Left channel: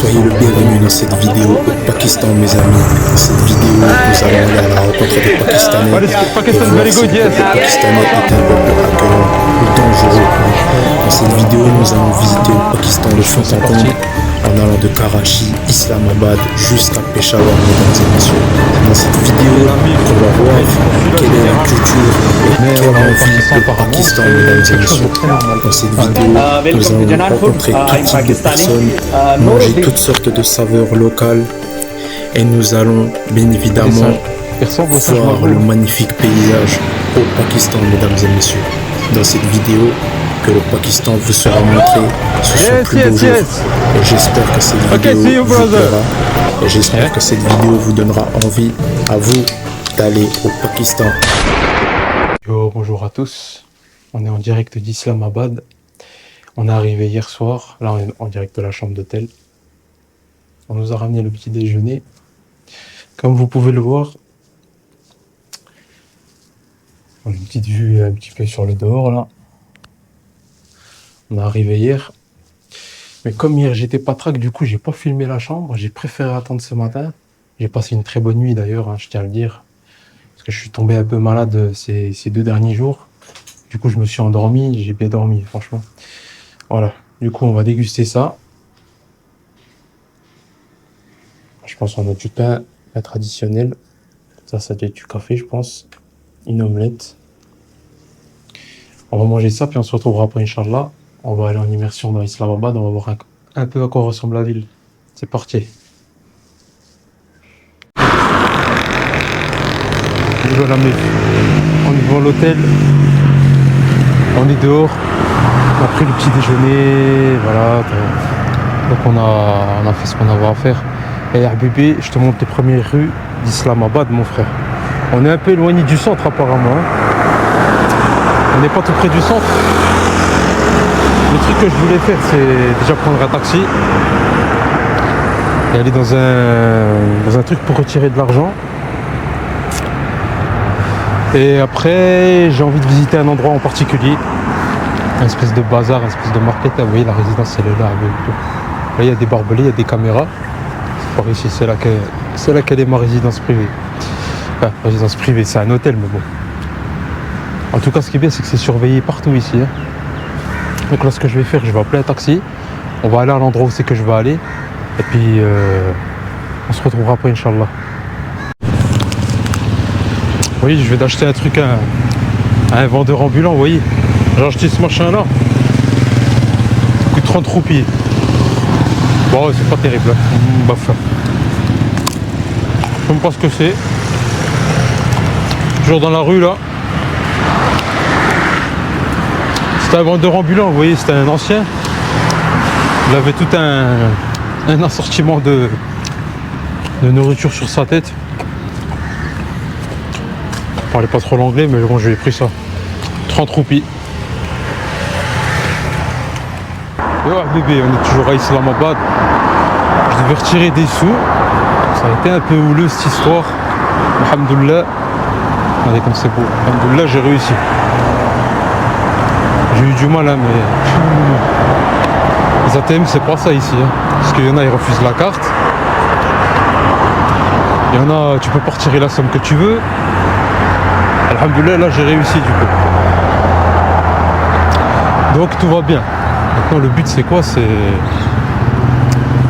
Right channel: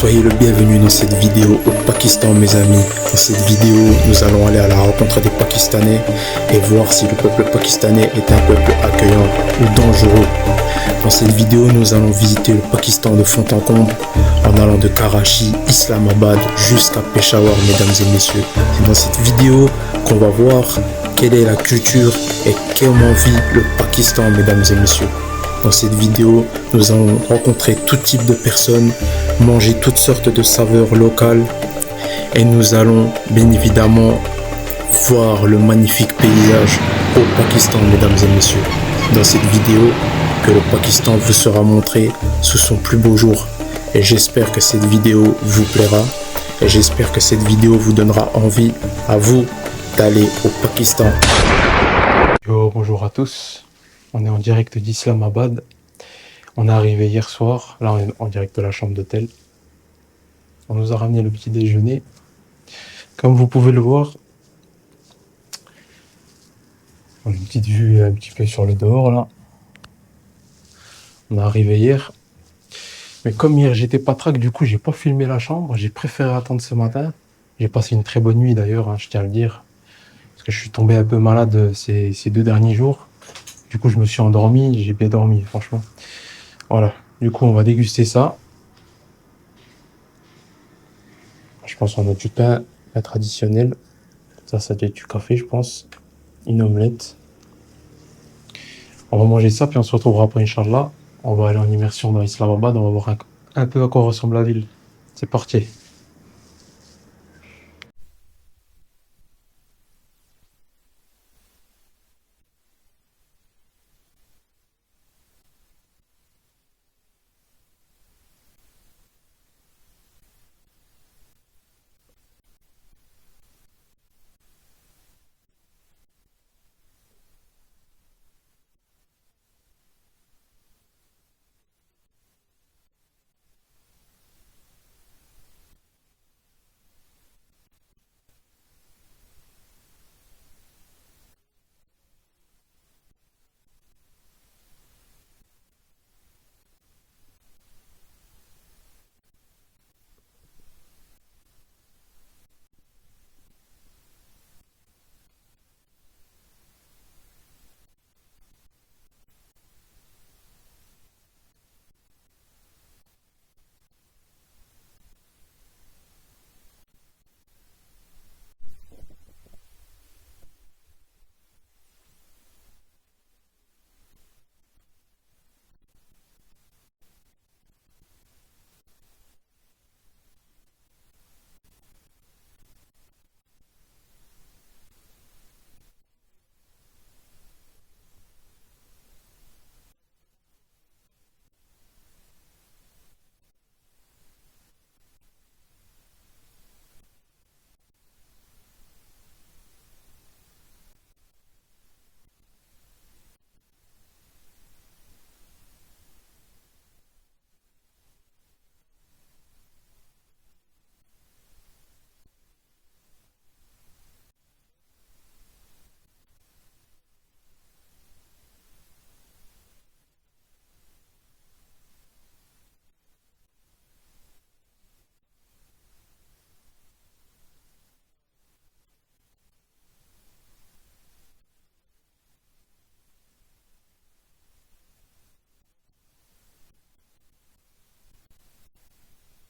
Soyez le bienvenu dans cette vidéo au Pakistan, mes amis. Dans cette vidéo, nous allons aller à la rencontre des Pakistanais et voir si le peuple pakistanais est un peuple accueillant ou dangereux. Dans cette vidéo, nous allons visiter le Pakistan de fond en comble en allant de Karachi, Islamabad jusqu'à Peshawar, mesdames et messieurs. C'est dans cette vidéo qu'on va voir quelle est la culture et comment vit le Pakistan, mesdames et messieurs. Dans cette vidéo, nous allons rencontrer tout type de personnes, manger toutes sortes de saveurs locales et nous allons bien évidemment voir le magnifique paysage au Pakistan, mesdames et messieurs. Dans cette vidéo que le Pakistan vous sera montré sous son plus beau jour. Et j'espère que cette vidéo vous plaira et j'espère que cette vidéo vous donnera envie à vous d'aller au Pakistan. Yo, bonjour à tous, on est en direct d'Islamabad. On est arrivé hier soir, là on est en direct de la chambre d'hôtel. On nous a ramené le petit déjeuner. Comme vous pouvez le voir, on a une petite vue un petit peu sur le dehors là. On est arrivé hier. Mais comme hier j'étais pas track, du coup j'ai pas filmé la chambre, j'ai préféré attendre ce matin. J'ai passé une très bonne nuit d'ailleurs, hein, je tiens à le dire. Parce que je suis tombé un peu malade ces 2 derniers jours. Du coup je me suis endormi, j'ai bien dormi franchement. Voilà, du coup on va déguster ça. Je pense qu'on a du pain traditionnel. Ça doit être du café je pense. Une omelette. On va manger ça puis on se retrouvera après Inch'Allah. On va aller en immersion dans Islamabad, on va voir un peu à quoi ressemble la ville. C'est parti. Voilà, on est devant l'hôtel. On est dehors. On a pris le petit déjeuner. Voilà. Donc on a fait ce qu'on avait à faire. Et bébé, je te montre les premières rues d'Islamabad, mon frère. On est un peu éloigné du centre apparemment. On n'est pas tout près du centre. Le truc que je voulais faire, c'est déjà prendre un taxi et aller dans un truc pour retirer de l'argent. Et après, j'ai envie de visiter un endroit en particulier, une espèce de bazar, une espèce de market. Vous voyez, la résidence, elle est là. Là, il y a des barbelés, il y a des caméras. C'est par ici, c'est là qu'elle est ma résidence privée. Enfin, résidence privée, c'est un hôtel, mais bon. En tout cas, ce qui est bien, c'est que c'est surveillé partout ici. Hein. Donc là, ce que je vais faire, je vais appeler un taxi. On va aller à l'endroit où c'est que je vais aller. Et puis, on se retrouvera après, Inch'Allah. Oui, je vais d'acheter un truc à un vendeur ambulant, vous voyez. J'ai acheté ce machin-là. Ça coûte 30 roupies. Bon, c'est pas terrible. Bah, enfin. Je sais même pas ce que c'est. Toujours dans la rue, là. C'était un vendeur ambulant, vous voyez, c'était un ancien. Il avait tout un assortiment de nourriture sur sa tête. Je parlais pas trop l'anglais, mais bon, je lui ai pris ça. 30 roupies. Et ouais, bébé, on est toujours à Islamabad. Je devais retirer des sous. Ça a été un peu houleux cette histoire. Alhamdoulilah. Regardez comme c'est beau. Alhamdoulilah, j'ai réussi. J'ai eu du mal, hein, mais les ATM, c'est pas ça ici. Hein. Parce qu'il y en a, ils refusent la carte. Il y en a, tu peux pas retirer la somme que tu veux. Alhamdoulilah, là, j'ai réussi du coup. Donc, tout va bien. Maintenant, le but, c'est quoi? C'est...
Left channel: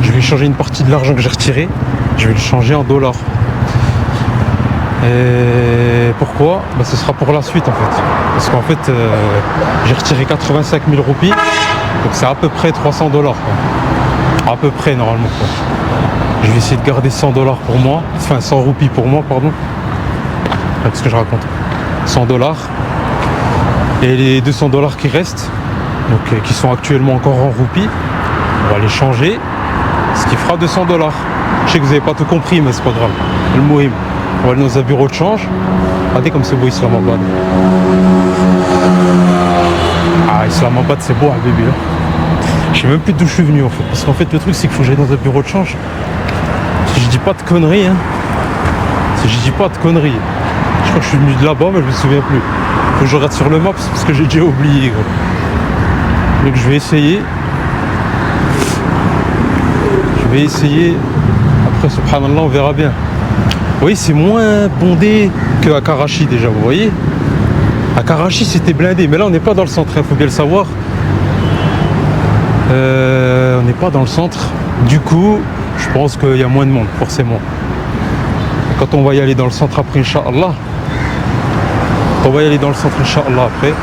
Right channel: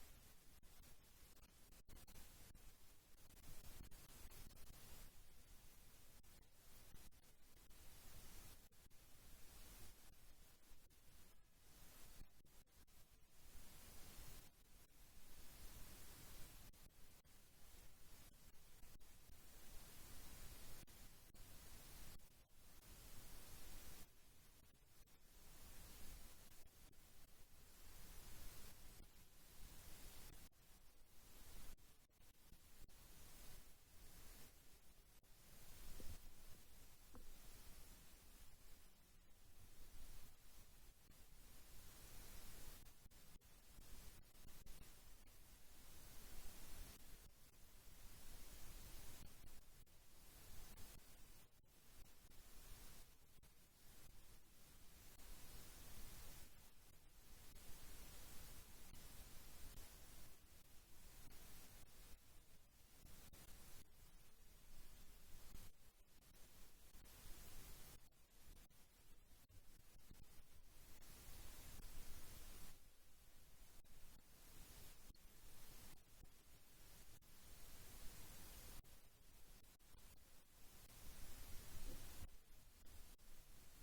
Je vais changer une partie de l'argent que j'ai retiré. Je vais le changer en dollars. Et pourquoi? Bah, ce sera pour la suite en fait. Parce qu'en fait, j'ai retiré 85 000 roupies. Donc c'est à peu près 300 $. À peu près normalement. Quoi. Je vais essayer de garder 100 $ pour moi. Enfin 100 roupies pour moi, pardon. Qu'est-ce que je raconte? 100 $. Et les 200 $ qui restent, donc qui sont actuellement encore en roupies, on va les changer. Ce qui fera 200 $. Je sais que vous n'avez pas tout compris, mais c'est pas grave. Le mohim. On va aller dans un bureau de change. Regardez comme c'est beau Islamabad. Ah, Islamabad, c'est beau, hein, bébé. Je sais même plus d'où je suis venu en fait. Parce qu'en fait, le truc, c'est qu'il faut que j'aille dans un bureau de change. Si je dis pas de conneries, hein. Si je dis pas de conneries. Je crois que je suis venu de là-bas, mais je me souviens plus. Faut que je regarde sur le map parce que j'ai déjà oublié, gros. Donc je vais essayer. Je vais essayer. Après, subhanallah, on verra bien. Vous voyez, c'est moins bondé qu'à Karachi déjà, vous voyez. À Karachi, c'était blindé, mais là, on n'est pas dans le centre, il faut bien le savoir. On n'est pas dans le centre. Du coup, je pense qu'il y a moins de monde, forcément. Et quand on va y aller dans le centre après, Inch'Allah, on va y aller dans le centre, Inch'Allah, après,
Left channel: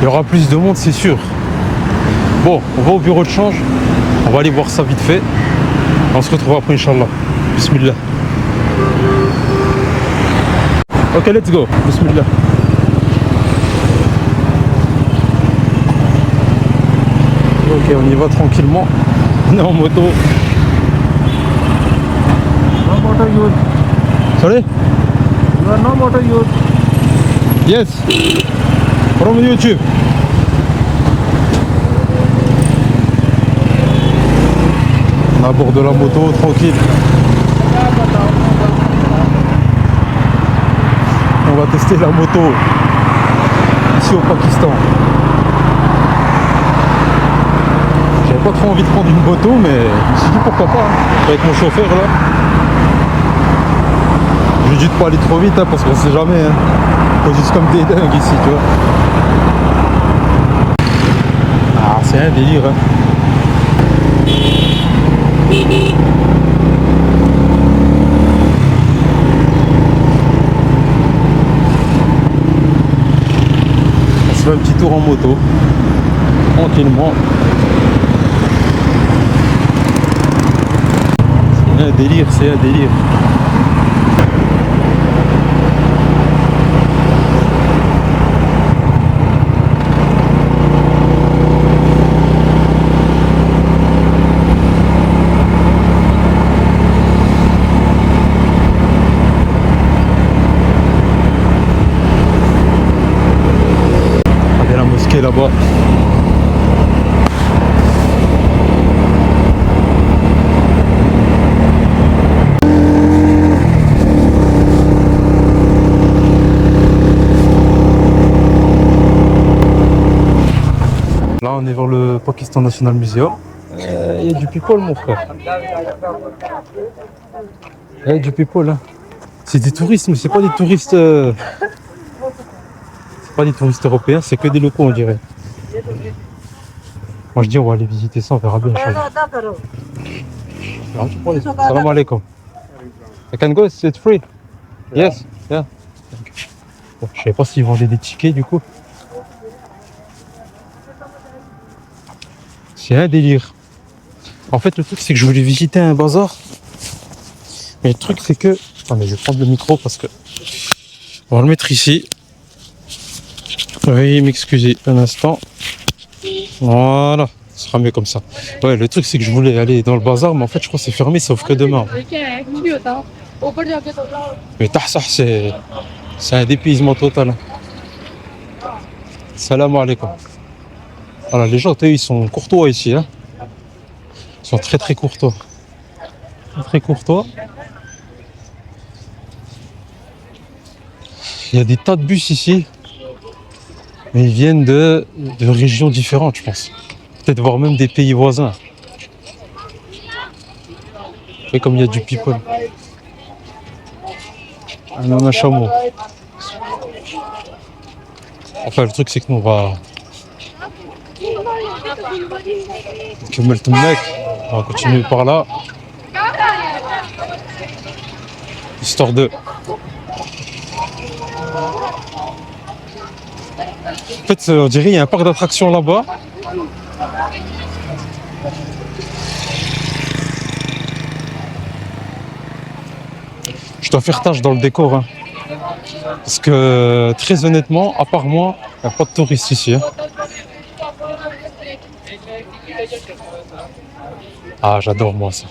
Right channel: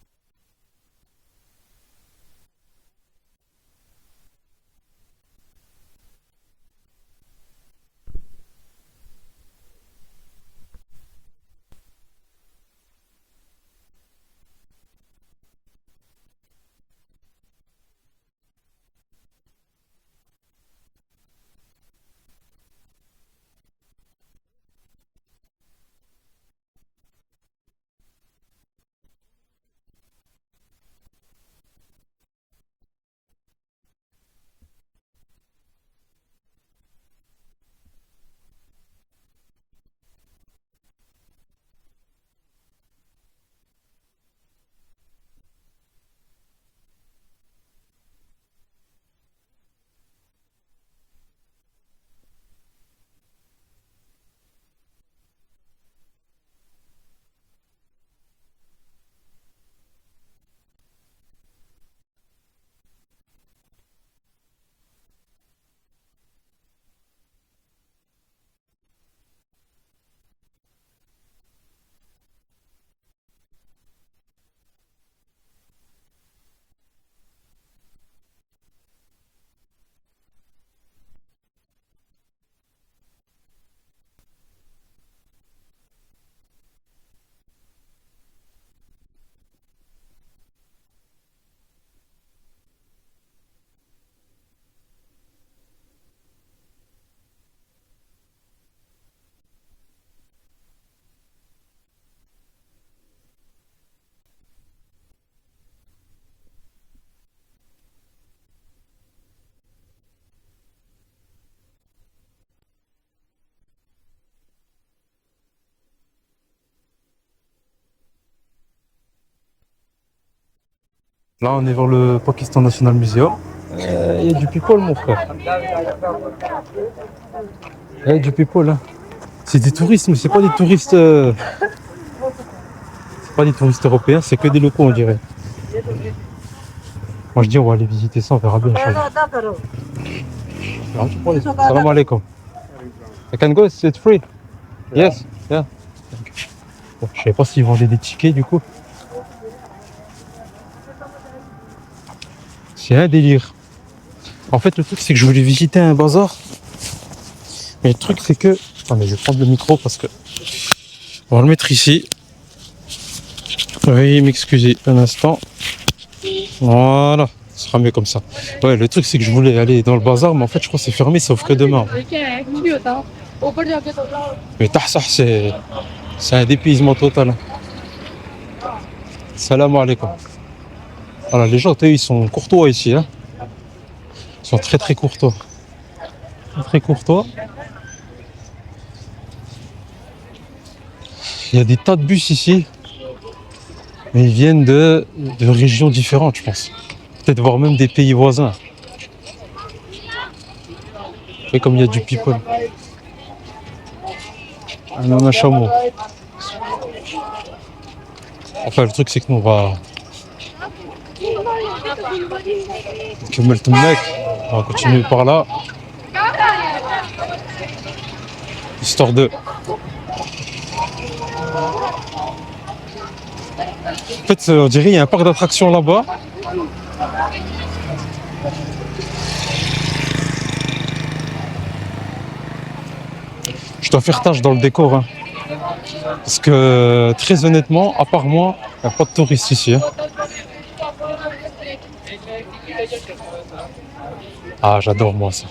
il y aura plus de monde, c'est sûr. Bon, on va au bureau de change. On va aller voir ça vite fait. On se retrouve après, Inch'Allah. Bismillah. Ok, let's go. Bismillah. Ok, on y va tranquillement. On est en moto. No motor use. Sorry? You are no motor use. Yes. From YouTube. On aborde la moto, tranquille. On va tester la moto ici au Pakistan. J'avais pas trop envie de prendre une moto, mais je me suis dit pourquoi pas, hein. Avec mon chauffeur là. Je lui dis de pas aller trop vite, hein, parce qu'on sait jamais. Hein. Faut juste comme des dingues ici, tu vois. Ah, c'est un délire. Hein. On se fait un petit tour en moto, tranquillement. C'est un délire, c'est un délire. Là-bas. Là, on est vers le Pakistan National Museum. Il y a du people, mon frère. Il y a du people, hein. C'est des touristes, mais c'est pas des touristes. Pas des touristes européens, c'est que des locaux, on dirait. Moi je dis on va aller visiter ça, on verra bien. Salam alaikum. I can go, it's free. Yes, yeah. Bon, je savais pas s'ils vendaient des tickets du coup. C'est un délire. En fait le truc c'est que je voulais visiter un bazar. Mais le truc c'est que... Attendez, je vais prendre le micro parce que... On va le mettre ici. Veuillez m'excuser un instant. Voilà, ce sera mieux comme ça. Ouais, le truc c'est que je voulais aller dans le bazar, mais en fait je crois que c'est fermé, sauf que demain. Mais Tahsah, c'est un dépaysement total. Salam alaikum. Voilà, les gens, ils sont courtois ici. Hein. Ils sont très très courtois. Très courtois. Il y a des tas de bus ici. Mais ils viennent de régions différentes, je pense. Peut-être voir même des pays voisins. Et comme il y a du people. On a un chameau. Enfin, le truc, c'est que nous, on va... On va continuer par là. Histoire de... En fait, on dirait qu'il y a un parc d'attractions là-bas. Je dois faire tâche dans le décor. Hein. Parce que, très honnêtement, à part moi, il n'y a pas de touristes ici. Hein. Ah, j'adore moi ça.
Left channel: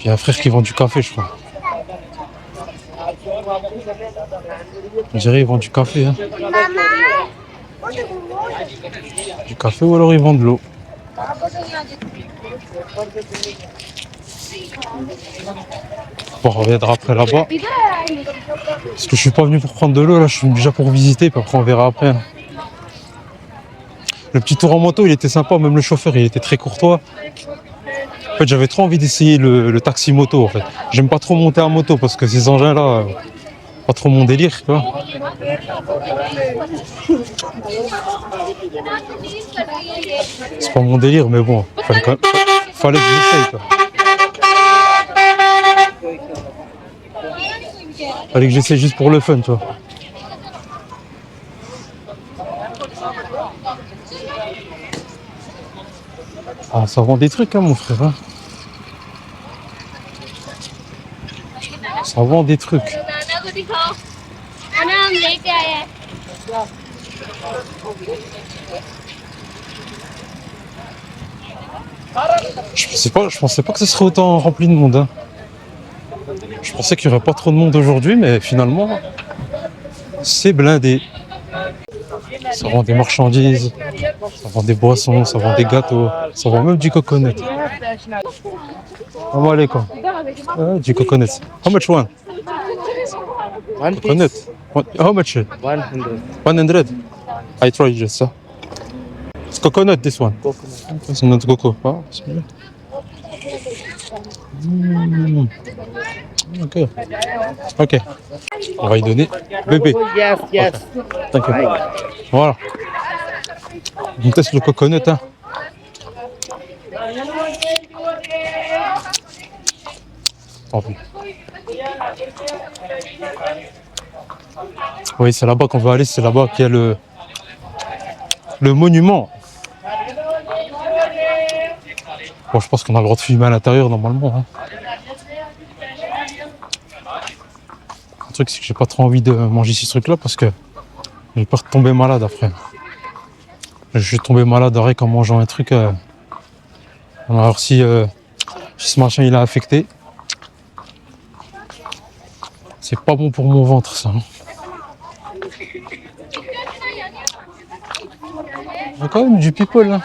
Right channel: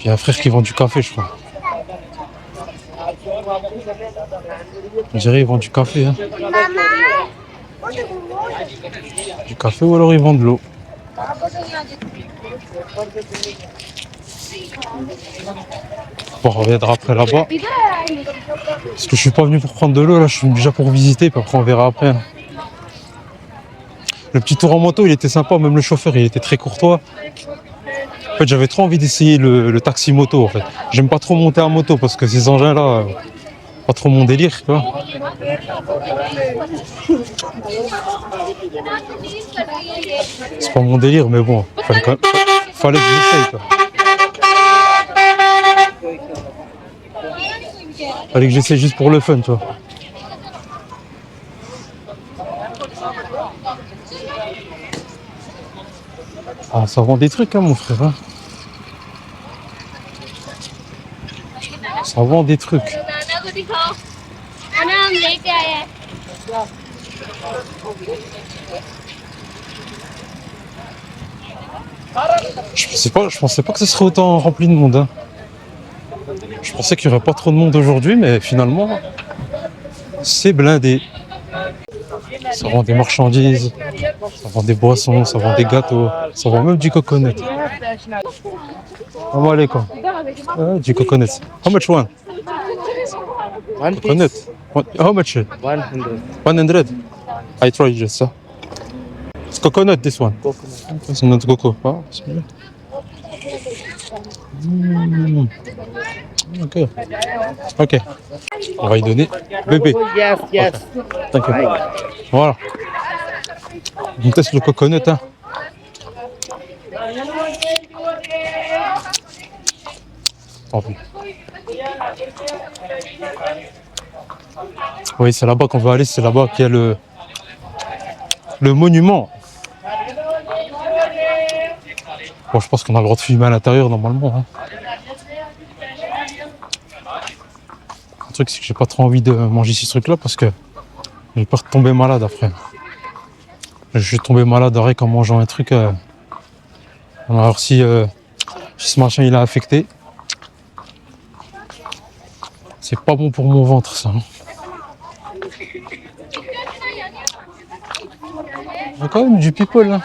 Il y a un frère qui vend du café, je crois. On dirait qu'ils vendent du café. Hein. Du café ou alors ils vendent de l'eau. Bon, on reviendra après là-bas. Parce que je suis pas venu pour prendre de l'eau, là je suis déjà pour visiter, puis après on verra après. Hein. Le petit tour en moto, il était sympa, même le chauffeur, il était très courtois. En fait, j'avais trop envie d'essayer le taxi moto, en fait. J'aime pas trop monter en moto parce que ces engins-là, pas trop mon délire, tu vois. C'est pas mon délire, mais bon, fallait que j'essaye, quoi. Fallait que j'essaye juste pour le fun, tu vois. Ah, ça vend des trucs, hein, mon frère. Hein. Ça vend des trucs. Je pensais pas que ce serait autant rempli de monde. Hein. Je pensais qu'il n'y aurait pas trop de monde aujourd'hui, mais finalement, c'est blindé. Ça vend des marchandises, ça vend des boissons, ça vend des gâteaux, ça vend même du coconut. Assalamu alaikum. Du coconut. How much one? Coconut. How much? 100. 100. I try just. It's coconut, this one. It's not coco. Ah, bismillah. Ok. Ok. On va y donner. Bébé. Yes, yes. Thank you. Voilà. On teste le coconut. Hein. Tant pis. Oui, c'est là-bas qu'on va aller. C'est là-bas qu'il y a le monument. Bon, je pense qu'on a le droit de filmer à l'intérieur normalement. Hein. Le truc, c'est que j'ai pas trop envie de manger ces trucs-là parce que j'ai peur de tomber malade après. Je suis tombé malade rien qu'en mangeant un truc. Alors si ce machin il a affecté, c'est pas bon pour mon ventre ça. Hein. Il y a quand même du people là.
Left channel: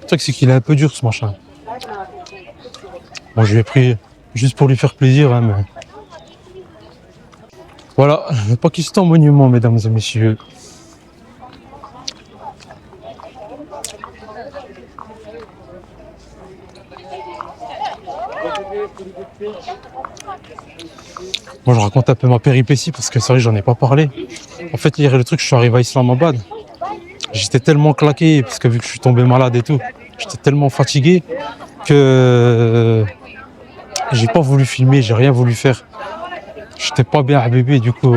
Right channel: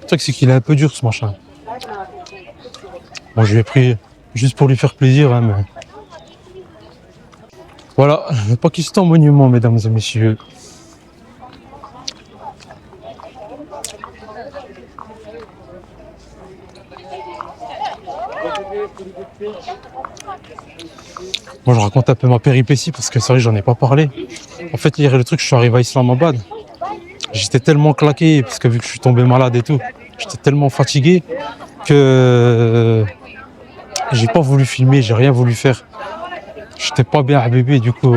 Le truc c'est qu'il est un peu dur ce machin. Bon, je l'ai pris juste pour lui faire plaisir, hein, mais... Voilà, le Pakistan monument, mesdames et messieurs. Moi, je raconte un peu ma péripétie parce que c'est vrai, j'en ai pas parlé. En fait, hier, le truc, je suis arrivé à Islamabad. J'étais tellement claqué parce que vu que je suis tombé malade et tout, j'étais tellement fatigué que j'ai pas voulu filmer, j'ai rien voulu faire. J'étais pas bien à bébé, du coup.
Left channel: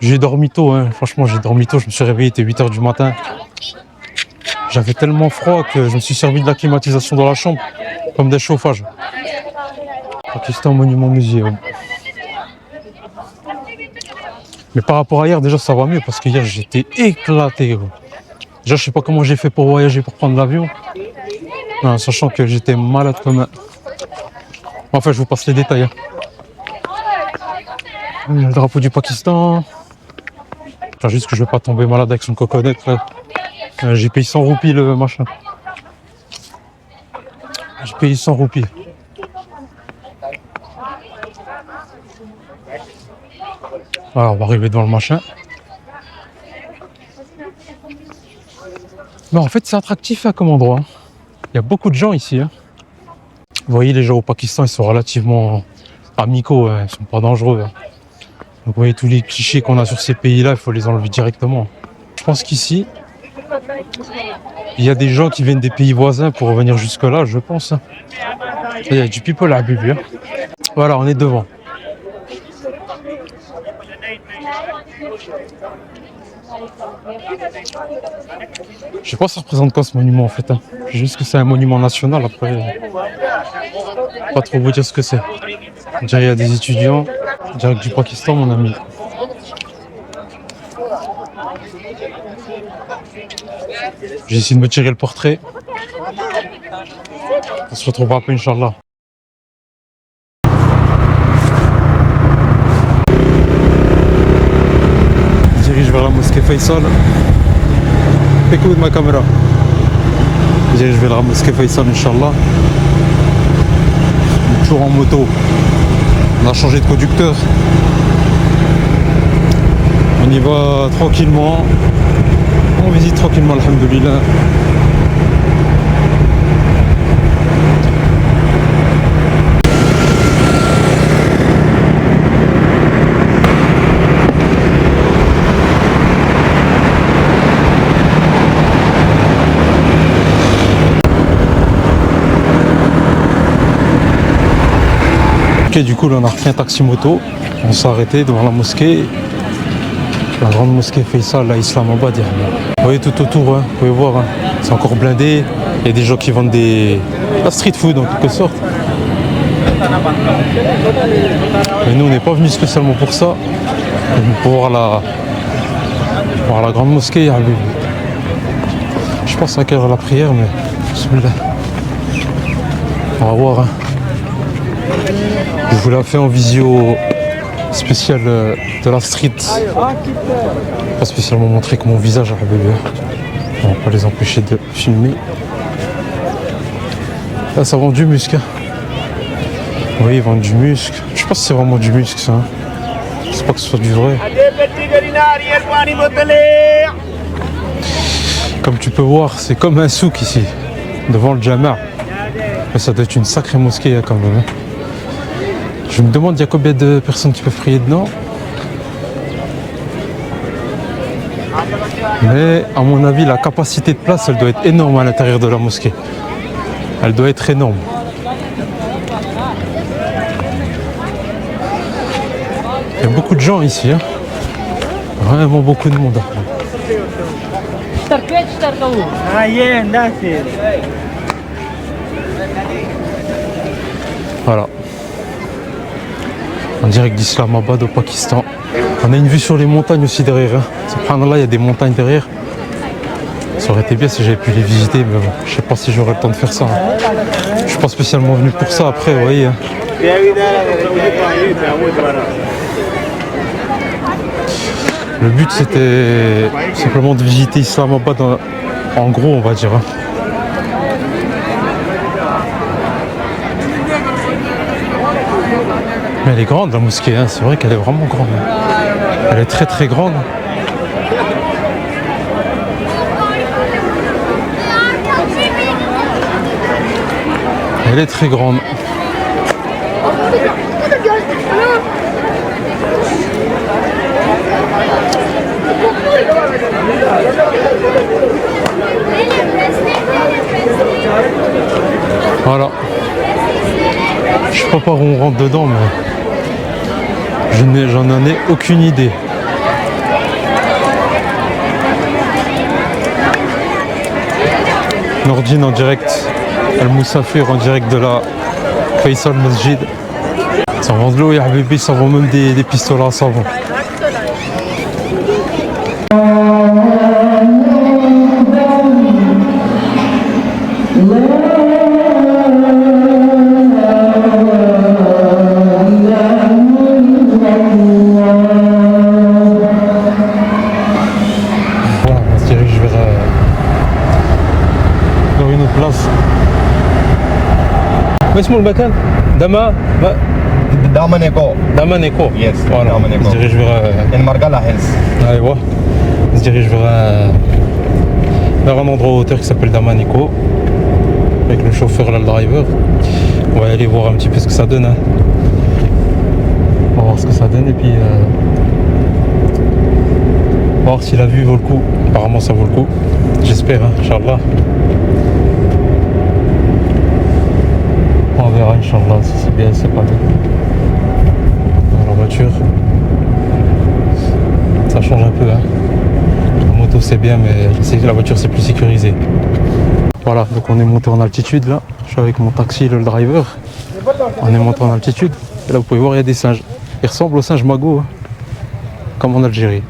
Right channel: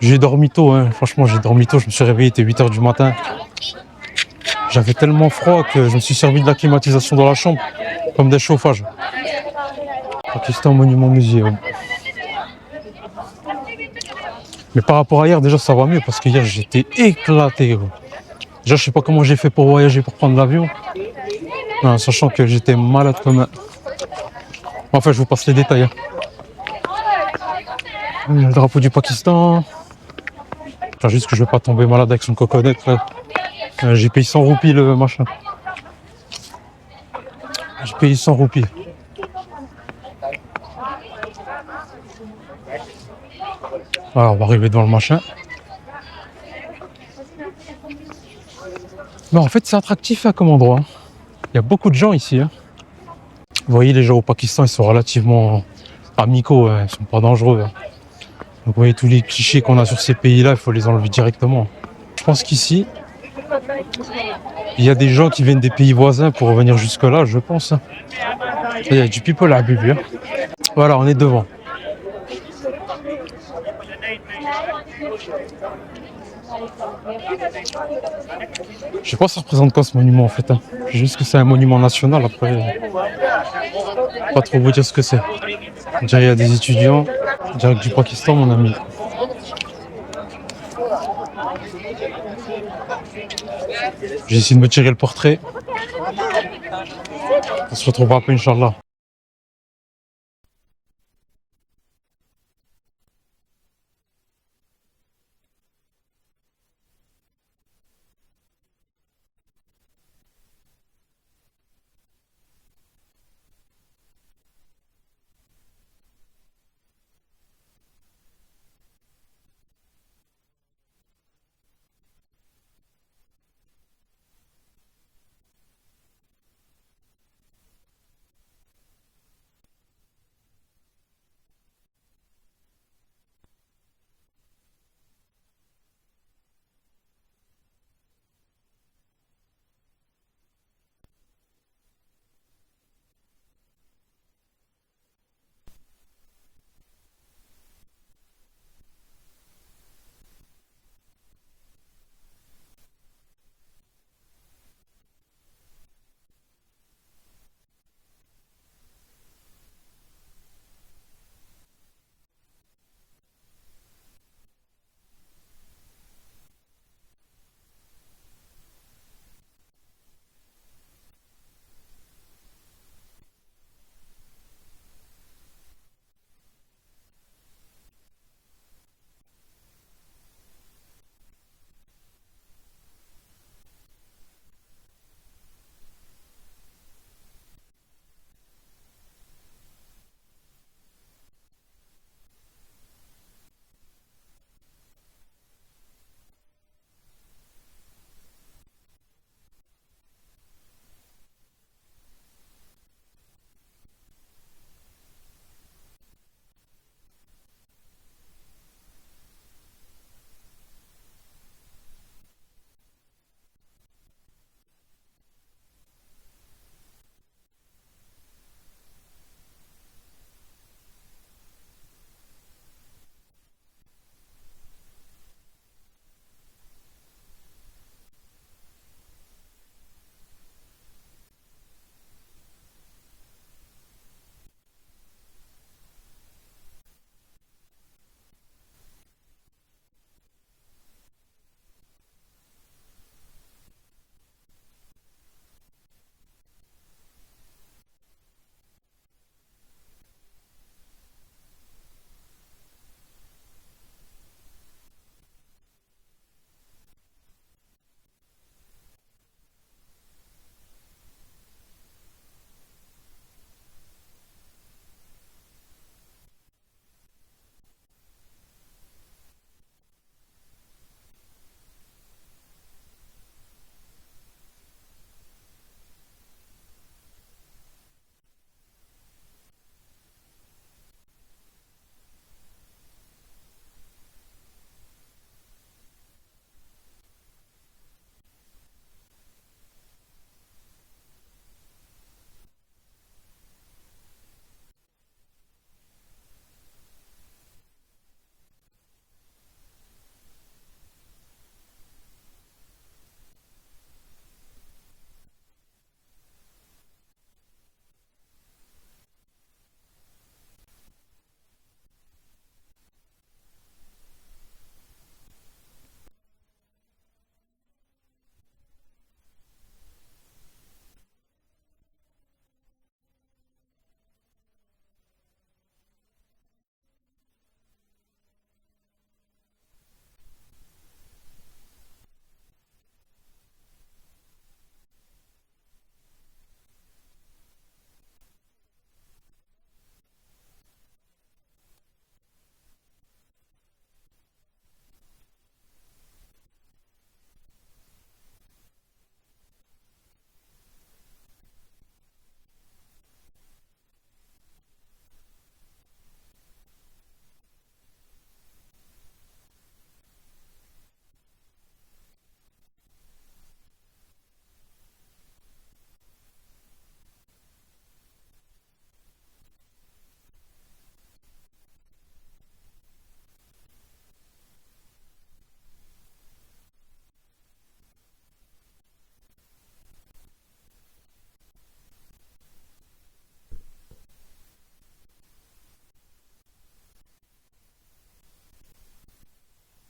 J'ai dormi tôt, hein. Franchement, j'ai dormi tôt. Je me suis réveillé, il était 8h du matin. J'avais tellement froid que je me suis servi de la climatisation dans la chambre, comme des chauffages. Pakistan Monument Museum. Mais par rapport à hier, déjà ça va mieux parce que hier j'étais éclaté. Gros. Déjà, je sais pas comment j'ai fait pour voyager, pour prendre l'avion. Non, sachant que j'étais malade comme un... Enfin, je vous passe les détails. Hein. Le drapeau du Pakistan. Enfin, juste que je vais pas tomber malade avec son coconut. J'ai payé 100 roupies le machin. J'ai payé 100 roupies. Voilà, on va arriver devant le machin. Mais en fait, c'est attractif hein, comme endroit. Il y a beaucoup de gens ici. Hein. Vous voyez, les gens au Pakistan, ils sont relativement amicaux. Hein. Ils sont pas dangereux. Hein. Donc, vous voyez, tous les clichés qu'on a sur ces pays-là, il faut les enlever directement. Je pense qu'ici, il y a des gens qui viennent des pays voisins pour revenir jusque-là, je pense. Il y a du people à Bibi. Hein. Voilà, on est devant. Je sais pas ça représente quoi ce monument en fait. Hein. Juste que c'est un monument national après. Pas trop vous dire ce que c'est. Déjà il y a des étudiants, direct du Pakistan mon ami. J'ai essayé de me tirer le portrait. On se retrouvera après Inch'Allah. Je dirige vers la mosquée Faisal. Écoute ma caméra. Je dirige vers la mosquée Faisal, Inch'Allah. Toujours en moto. On a changé de conducteur. On y va tranquillement. On visite tranquillement, alhamdoulilah. Ok, du coup là on a repris un taxi moto, on s'est arrêté devant la mosquée, la grande mosquée Faisal à Islamabad. Vous voyez tout autour, hein, vous pouvez voir, hein, c'est encore blindé, il y a des gens qui vendent la street food en quelque sorte. Mais nous on n'est pas venus spécialement pour ça, pour voir la grande mosquée. Je pense à quelle heure la prière, mais on va voir. Hein. Je vous l'ai fait en visio spéciale de la street. Pas spécialement montrer que mon visage a bébé. On va pas les empêcher de filmer. Là ça vend du musc. Hein. Oui, ils vendent du musc. Je sais pas si c'est vraiment du musc ça. Hein. Je sais pas que ce soit du vrai. Comme tu peux voir, c'est comme un souk ici, devant le Jama'. Mais ça doit être une sacrée mosquée quand même. Hein. Je me demande, il y a combien de personnes qui peuvent prier dedans. Mais à mon avis, la capacité de place, elle doit être énorme à l'intérieur de la mosquée. Elle doit être énorme. Il y a beaucoup de gens ici. Hein. Vraiment beaucoup de monde. Voilà. En direct d'Islamabad au Pakistan. On a une vue sur les montagnes aussi derrière. Hein. Subhanallah, il y a des montagnes derrière. Ça aurait été bien si j'avais pu les visiter, mais bon, je sais pas si j'aurais le temps de faire ça. Hein. Je suis pas spécialement venu pour ça après, vous voyez. Hein. Le but c'était simplement de visiter Islamabad en gros, on va dire. Hein. Mais elle est grande la mosquée, hein. C'est vrai qu'elle est vraiment grande. Elle est très très grande. Elle est très grande. Voilà. Je sais pas par où on rentre dedans, mais j'en ai aucune idée. Nordine en direct, Al-Moussafir en direct de la Faisal Masjid. Ça vend de l'eau et Habibi, ça vend même des pistolets à savon. اسمه المكان Damaneko. Yes, Voilà, Damaneko. on se dirige vers In Margala Hills. ouais. On se dirige vers un endroit en hauteur qui s'appelle Damaneko. Avec le chauffeur là, le driver. On va aller voir un petit peu ce que ça donne. Hein. On va voir ce que ça donne et puis on va voir si la vue vaut le coup. Apparemment ça vaut le coup. J'espère, hein, Inch'Allah. On verra, Inch'Allah, si c'est bien, c'est pas bien. La voiture, ça change un peu. Hein. La moto c'est bien, mais la voiture c'est plus sécurisé. Voilà, donc on est monté en altitude là. Je suis avec mon taxi, le driver. On est monté en altitude. Et là vous pouvez voir, il y a des singes. Ils ressemblent aux singes Mago, hein, comme en Algérie.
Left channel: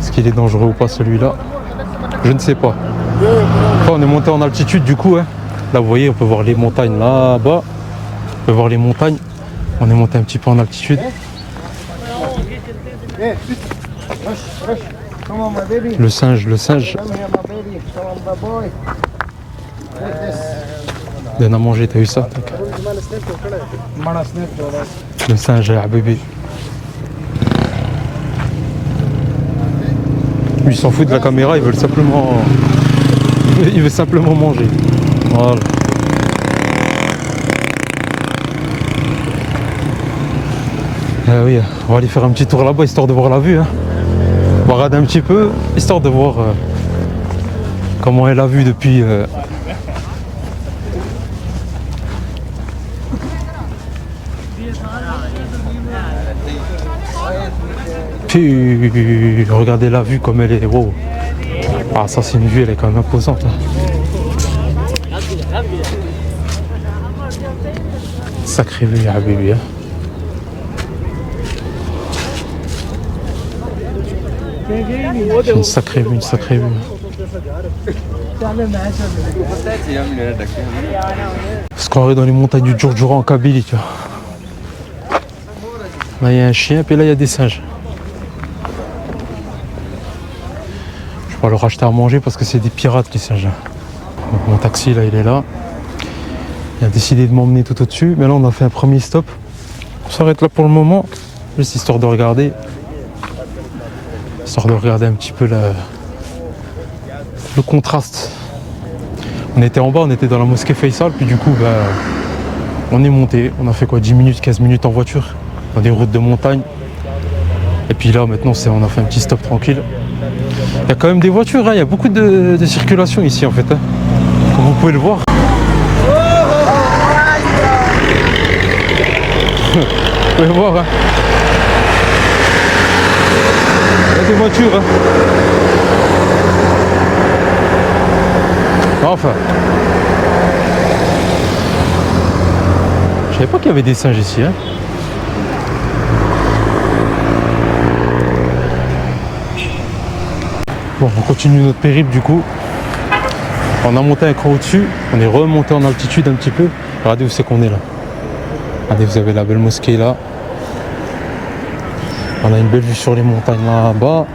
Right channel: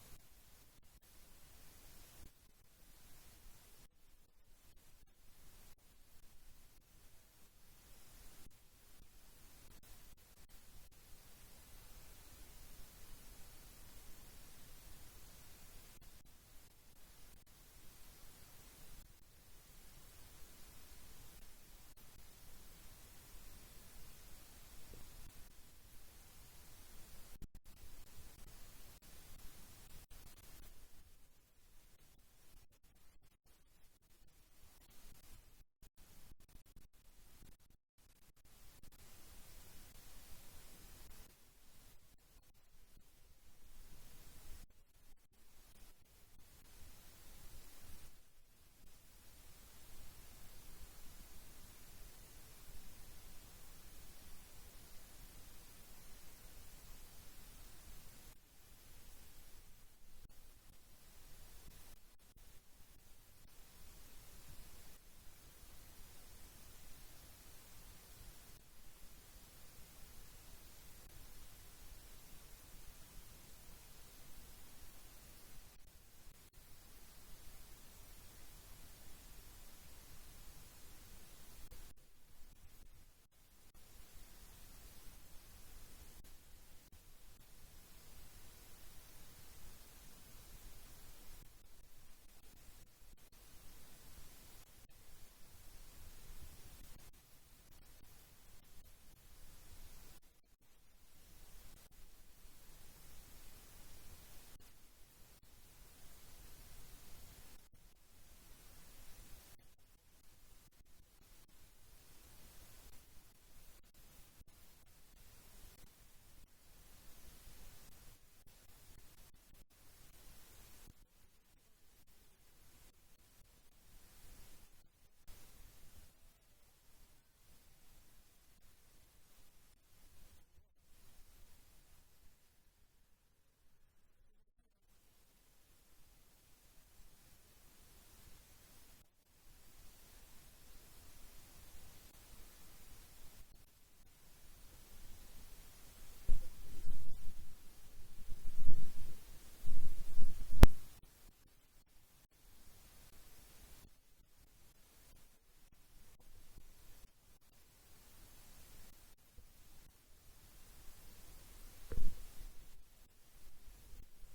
Est-ce qu'il est dangereux ou pas celui-là? Je ne sais pas. Enfin, on est monté en altitude du coup. Hein. Là vous voyez, on peut voir les montagnes là-bas. On peut voir les montagnes. On est monté un petit peu en altitude. Come on, my baby. Le singe, le singe. Come here, my baby. Come on, my boy. Take this. Donne à manger, t'as vu ça? Mana snip, brother. Le singe, à bébé. Lui, il s'en fout de la caméra, il veut simplement... Il veut simplement manger. Voilà. Oui, on va aller faire un petit tour là-bas, histoire de voir la vue. Hein. On va regarder un petit peu, histoire de voir comment est la vue depuis... Puis, regardez la vue comme elle est. Wow. Ah, ça c'est une vue, elle est quand même imposante. Hein. Sacrée vue, à bébé. Hein. Une sacrée vue, une sacrée vue. On se croirait dans les montagnes du Djurdjura en Kabylie, tu vois. Là il y a un chien, puis là il y a des singes. Je vais leur acheter à manger parce que c'est des pirates les singes. Donc, mon taxi là il est là. Il a décidé de m'emmener tout au-dessus, mais là on a fait un premier stop. On s'arrête là pour le moment, juste histoire de regarder. Histoire de regarder un petit peu le contraste. On était en bas, on était dans la mosquée Faisal, puis du coup on est monté. On a fait quoi, 10 minutes, 15 minutes en voiture, dans des routes de montagne. Et puis là maintenant on a fait un petit stop tranquille. Il y a quand même des voitures, hein. Il y a beaucoup de circulation ici en fait. Hein. Comme vous pouvez le voir. Vous pouvez voir. Hein. Il y a des voitures. Hein. Enfin. Je savais pas qu'il y avait des singes ici. Hein. Bon, on continue notre périple du coup. On a monté un cran au-dessus, on est remonté en altitude un petit peu. Regardez où c'est qu'on est là. Regardez, vous avez la belle mosquée là. On a une belle vue sur les montagnes là-bas.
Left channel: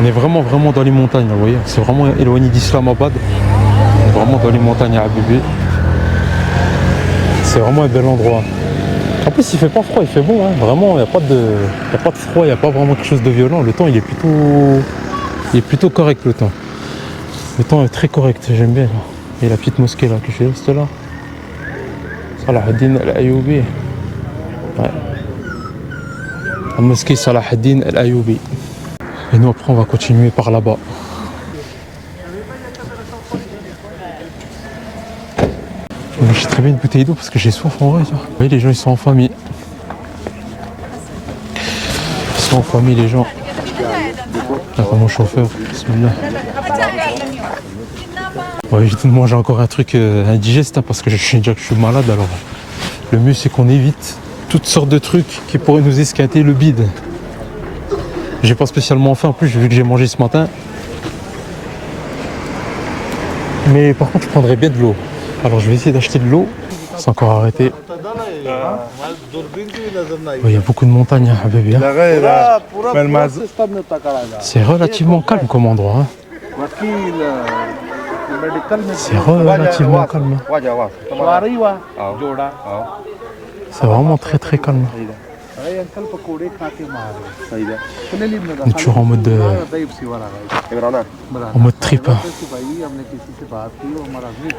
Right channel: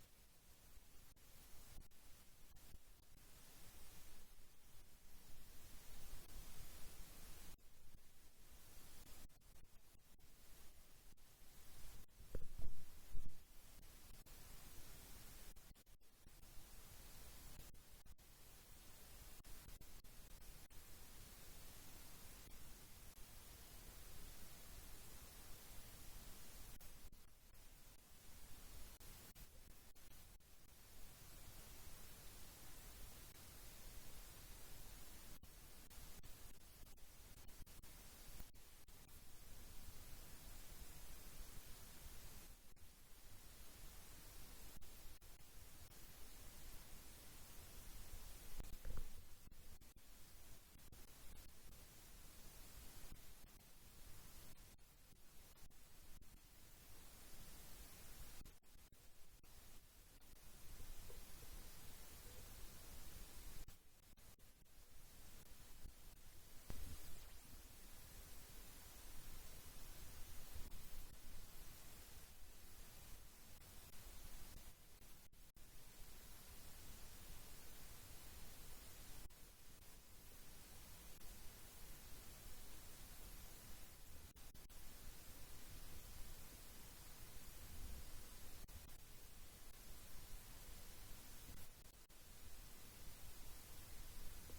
On est vraiment dans les montagnes, là, vous voyez. C'est vraiment éloigné d'Islamabad. Vraiment dans les montagnes à Abébé. C'est vraiment un bel endroit. En plus il fait pas froid, il fait bon, hein. Vraiment il n'y a pas de froid, il n'y a pas vraiment quelque chose de violent. Le temps il est plutôt correct le temps. Le temps est très correct, j'aime bien. Et la petite mosquée là que j'ai juste là. Salahuddin Al-Ayyoubi. Ouais. La mosquée Salahuddin Al-Ayyoubi. Et nous après on va continuer par là-bas. J'ai très bien une bouteille d'eau parce que j'ai soif en vrai. Vous voyez, les gens ils sont en famille. Ils sont en famille les gens. Là, mon chauffeur, bismillah. Ouais, j'ai tout de manger encore un truc indigeste hein, parce que je sais déjà que je suis malade. Alors le mieux c'est qu'on évite toutes sortes de trucs qui pourraient nous esquinter le bide. J'ai pas spécialement faim en plus vu que j'ai mangé ce matin. Mais par contre je prendrais bien de l'eau. Alors je vais essayer d'acheter de l'eau. C'est encore arrêté. Il y a beaucoup de montagnes à bébé. Hein. C'est relativement calme comme endroit. Hein. C'est relativement calme. C'est vraiment très calme. On est toujours en mode trip. Hein.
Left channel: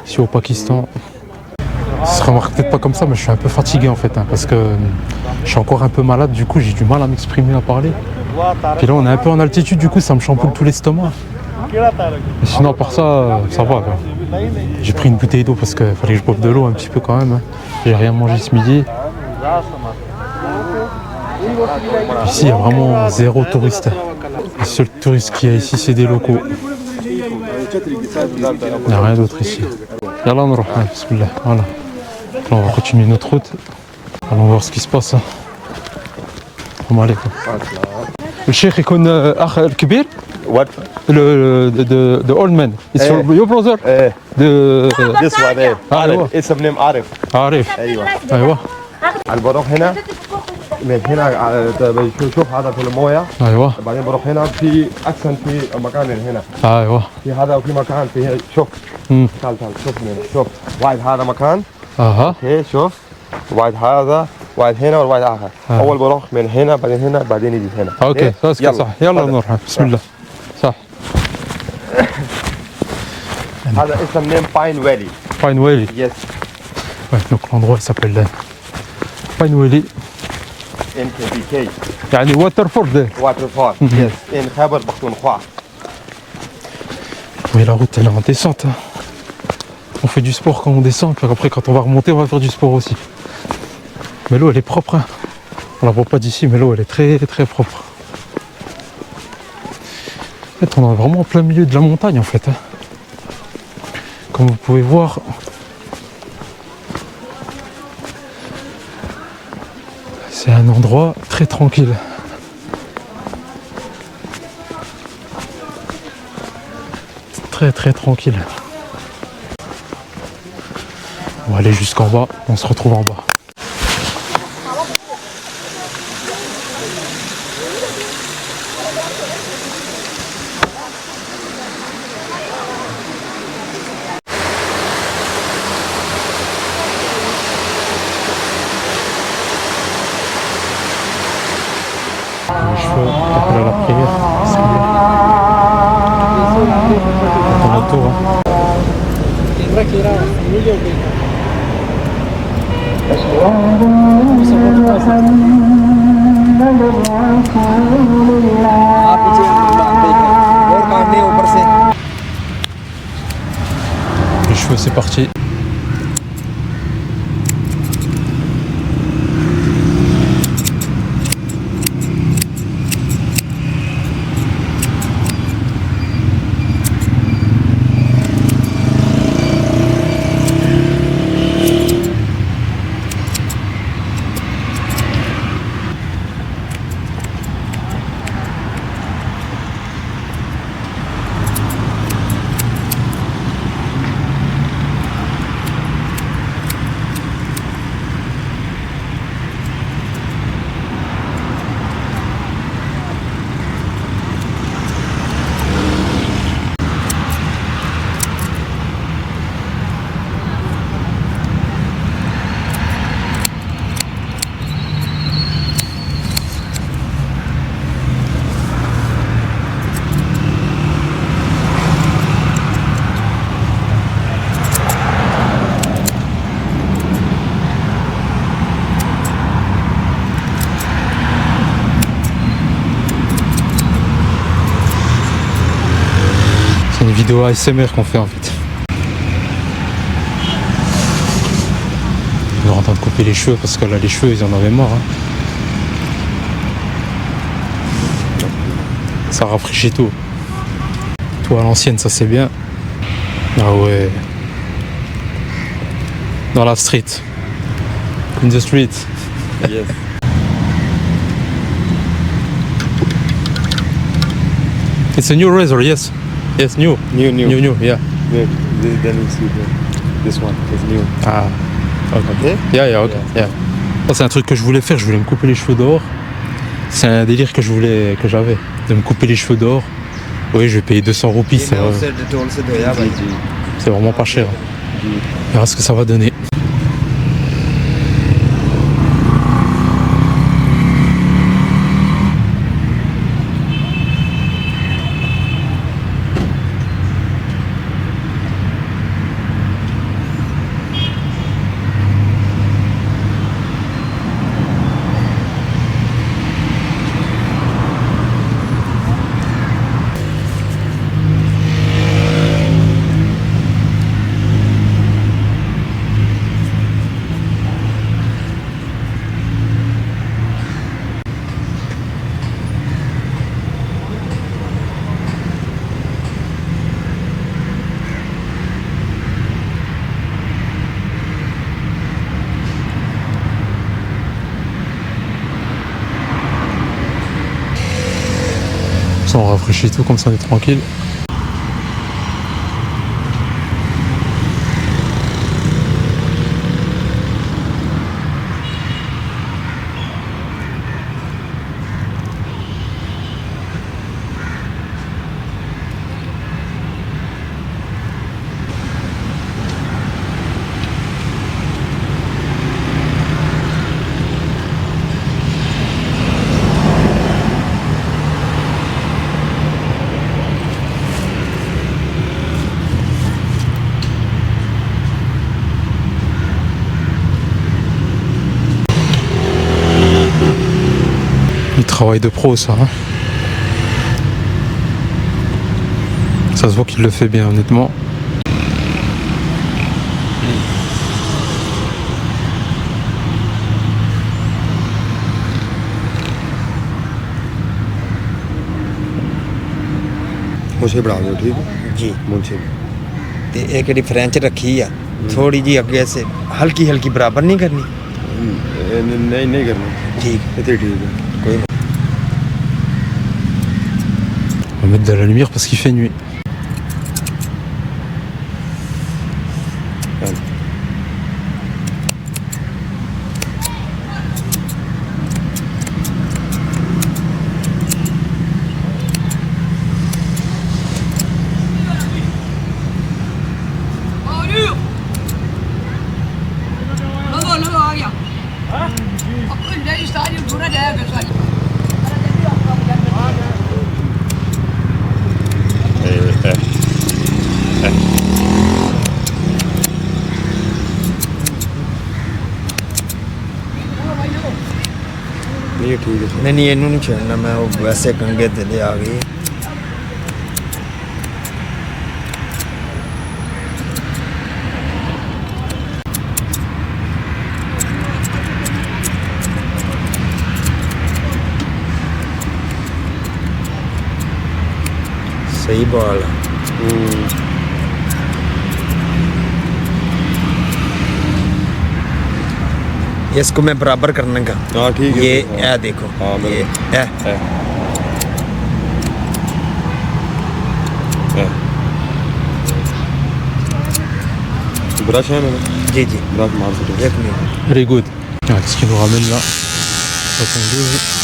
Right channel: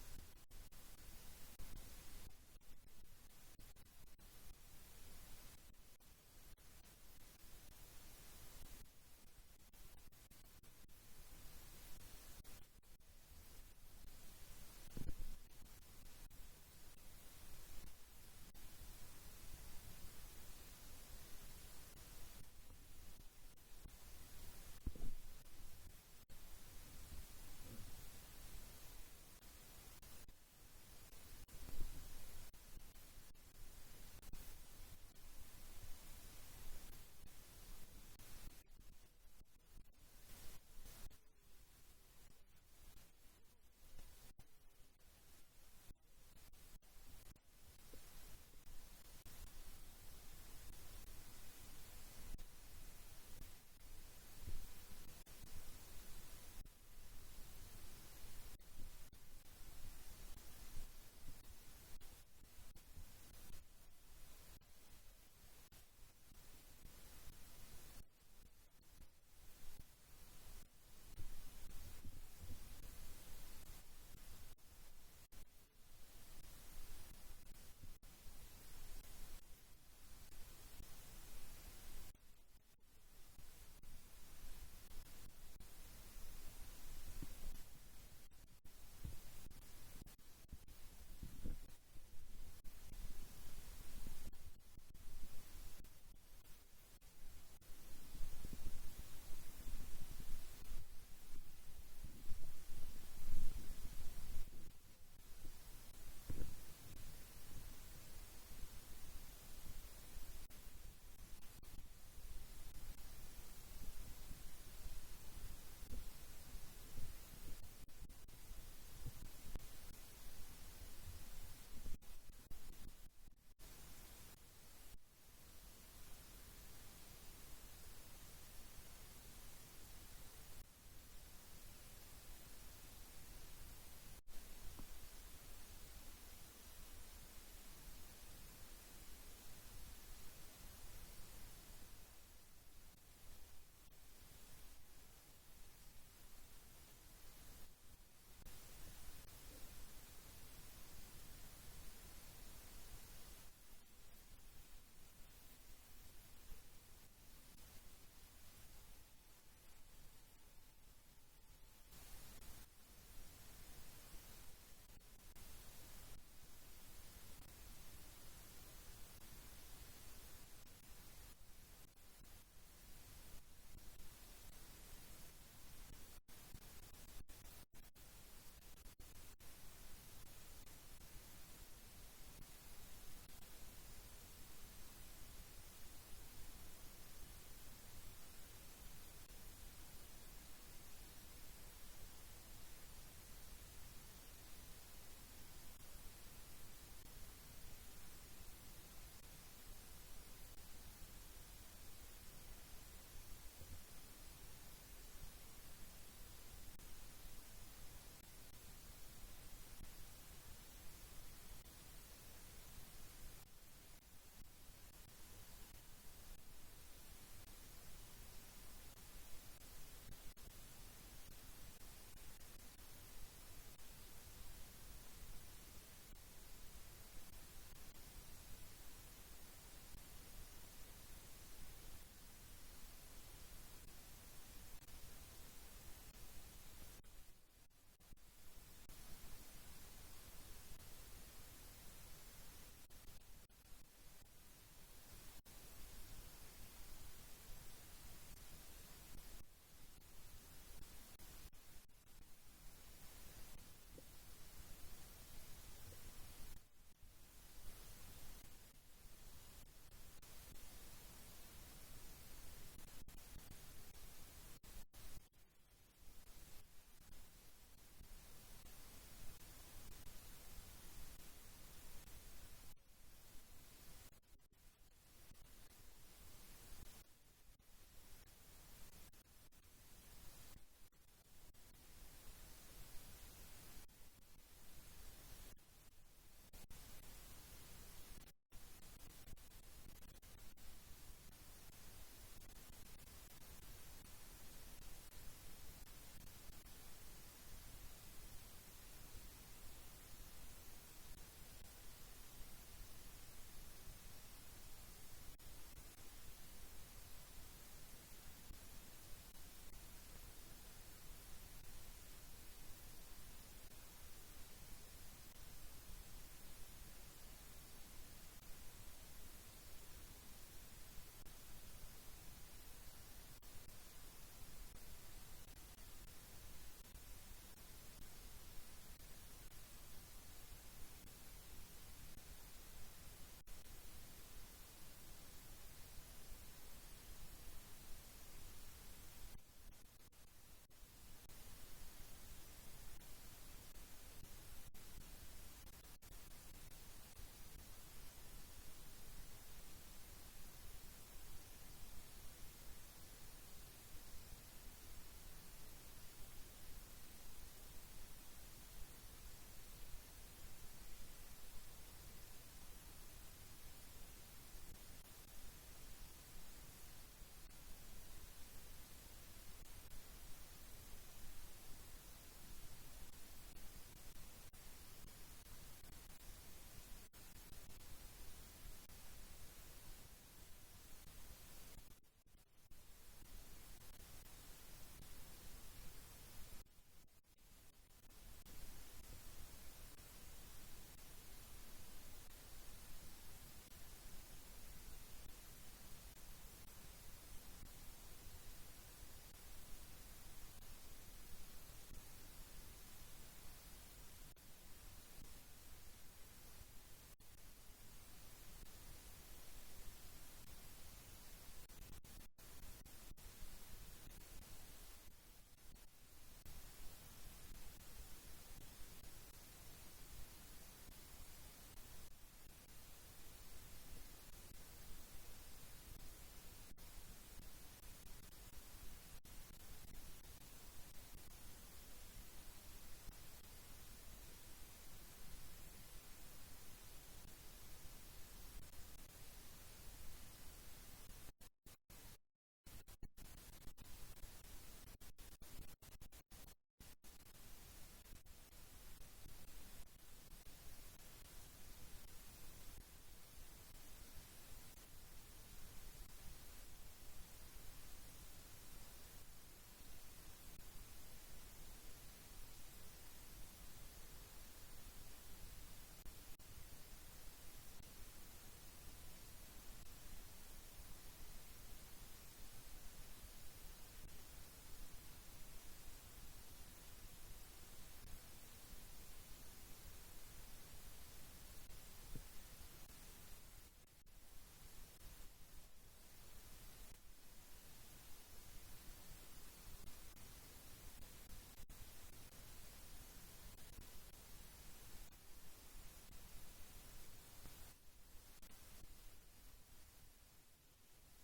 Ici au Pakistan. Ça se remarque peut-être pas comme ça, mais je suis un peu fatigué en fait. Hein, parce que je suis encore un peu malade, du coup j'ai du mal à m'exprimer, à parler. Puis là on est un peu en altitude, du coup ça me chamboule tout l'estomac. Mais sinon à part ça, ça va. J'ai pris une bouteille d'eau parce qu'il fallait que je boive de l'eau un petit peu quand même. Hein. J'ai rien mangé ce midi. Ici il y a vraiment zéro touriste. Les seuls touristes qu'il y a ici c'est des locaux. Il n'y a rien d'autre ici. Yallah on va, bismillah. Voilà. Là, on va continuer notre route. Allons voir ce qui se passe. السلام عليكم. الشيخ يكون اخ الكبير what? The old man. It's your brother? This one there. أيوة. Arif. اسم name Arif. عارف. ايوه. أيوة. انا بروح هنا من هنا شوف هذا في المويه أيوة. بعدين بروح هنا في اكشن في مكان من هنا أيوة. في هذا وفي مكان في شوف تعال شوف من شوف واحد هذا مكان أها. اوكي شوف واحد هذا واحد هنا وواحد اخر اول بروح من هنا بعدين يجي هنا أوكي. يلا. صح. يلا نروح. بسم الله. صح. هذا اسم نيم باين فالي Pine Valley. يس Ouais, donc l'endroit il s'appelle Pine Valley. ان كي بي كي يعني Waterford. واتر فول يس ان خيبر بختونخوا Oui, la route elle est en descente. Hein. On fait du sport quand on descend, puis après quand on va remonter, on va faire du sport aussi. Mais l'eau elle est propre. Hein. On la voit pas d'ici, mais l'eau elle est très très propre. En fait, on est vraiment en plein milieu de la montagne en fait. Hein. Comme vous pouvez voir. C'est un endroit très tranquille. Très très tranquille. On va aller jusqu'en bas, on se retrouve en bas. Les cheveux, après la prière, c'est bien. Dans le tour, hein. Les cheveux, c'est parti. C'est une vidéo ASMR qu'on fait en fait. On est en train de couper les cheveux parce que là les cheveux ils en avaient marre. Hein. Ça rafraîchit tout. Tout à l'ancienne ça c'est bien. Ah ouais. Dans la street. In the street. Yes. It's a new razor, yes. Yes, new. New. New, yeah. Then you see this one is new. Ah, ok. Okay? Yeah, ok. Yeah. Ça, c'est un truc que je voulais faire, je voulais me couper les cheveux dehors. C'est un délire que j'avais, de me couper les cheveux dehors. Oui, je vais payer 200 roupies, c'est vraiment pas cher. On verra ce que ça va donner. Ça on rafraîchit tout, comme ça on est tranquille. Du travail de pro, ça. Hein. Ça se voit qu'il le fait bien, honnêtement. मुझे बढ़ा दो ठीक है जी मुझे ते एक ਜਿਹੜੀ ਫ੍ਰੈਂਚ ਰੱਖੀ ਆ ਥੋੜੀ ਜੀ ਅੱਗੇ ਸੇ ਹਲਕੀ ਹਲਕੀ ਬਰਾਬਰ ਨਹੀਂ ਕਰਨੀ नहीं नहीं करना ठीक इतने ठीक है कोई On va mettre de la lumière parce qu'il fait nuit. नहीं ठीक है नहीं नहीं ਇਹਨੂੰ ਨਹੀਂ ਛੇੜਨਾ ਮੈਂ ਉਹ ਵੈਸੇ ਕੰਗੇ ਤੇ ਲੈ ਆ ਗਈ सही बाल इसको मैं बराबर करने का हाँ ठीक है ये हाँ। ए देखो हाँ, ये है। ब्रश है मैंने जी जी ब्रश मार सकते एक minute Very good. Ah, qu'est-ce qu'il nous ramène là 72.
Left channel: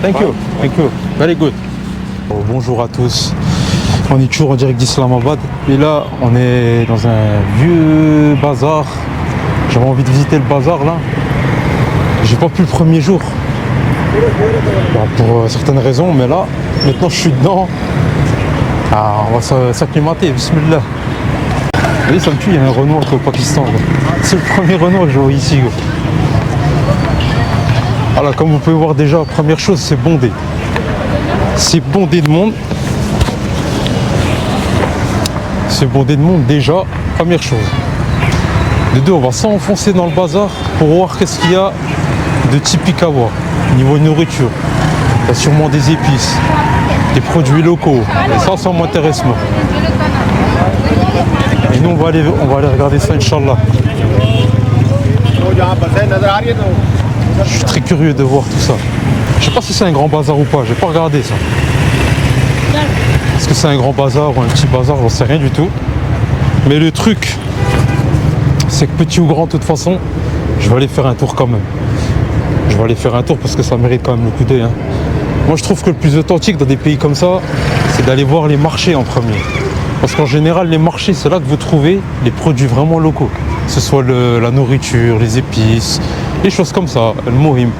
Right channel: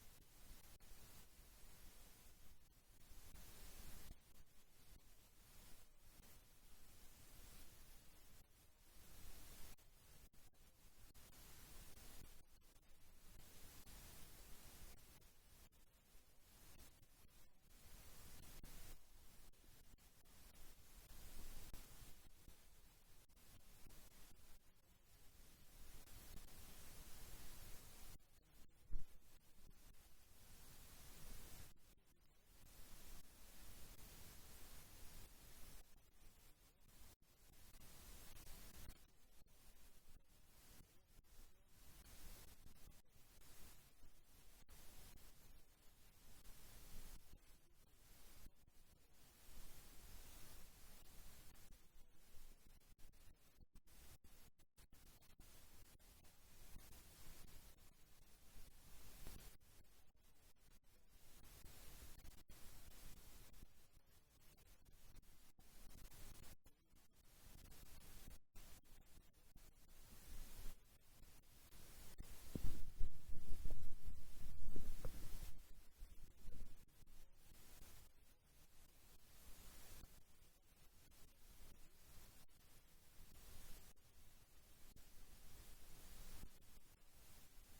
Thank you, thank you. Very good. Bon, bonjour à tous. On est toujours en direct d'Islamabad. Et là, on est dans un vieux bazar. J'avais envie de visiter le bazar là. J'ai pas pu le premier jour. Bon, pour certaines raisons, mais là, maintenant je suis dedans. Ah, on va s'acclimater, bismillah. Vous voyez, ça me tue, il y a un Renault au Pakistan. C'est le premier Renault que je vois ici. Gros. Alors, comme vous pouvez voir déjà, première chose, c'est bondé. C'est bondé de monde. C'est bondé de monde déjà, première chose. De deux, on va s'enfoncer dans le bazar pour voir qu'est-ce qu'il y a de typique à voir. Niveau nourriture, il y a sûrement des épices, des produits locaux. Et ça m'intéresse moi. Et nous, on va aller regarder ça, Inch'Allah. Je suis très curieux de voir tout ça. Je sais pas si c'est un grand bazar ou pas, j'ai pas regardé ça. Est-ce que c'est un grand bazar ou un petit bazar, j'en sais rien du tout. Mais le truc, c'est que petit ou grand, de toute façon, je vais aller faire un tour quand même. Je vais aller faire un tour parce que ça mérite quand même le coup d'œil. Hein. Moi, je trouve que le plus authentique dans des pays comme ça, c'est d'aller voir les marchés en premier. Parce qu'en général, les marchés, c'est là que vous trouvez les produits vraiment locaux. Que ce soit la nourriture, les épices, les choses comme ça, le mohim.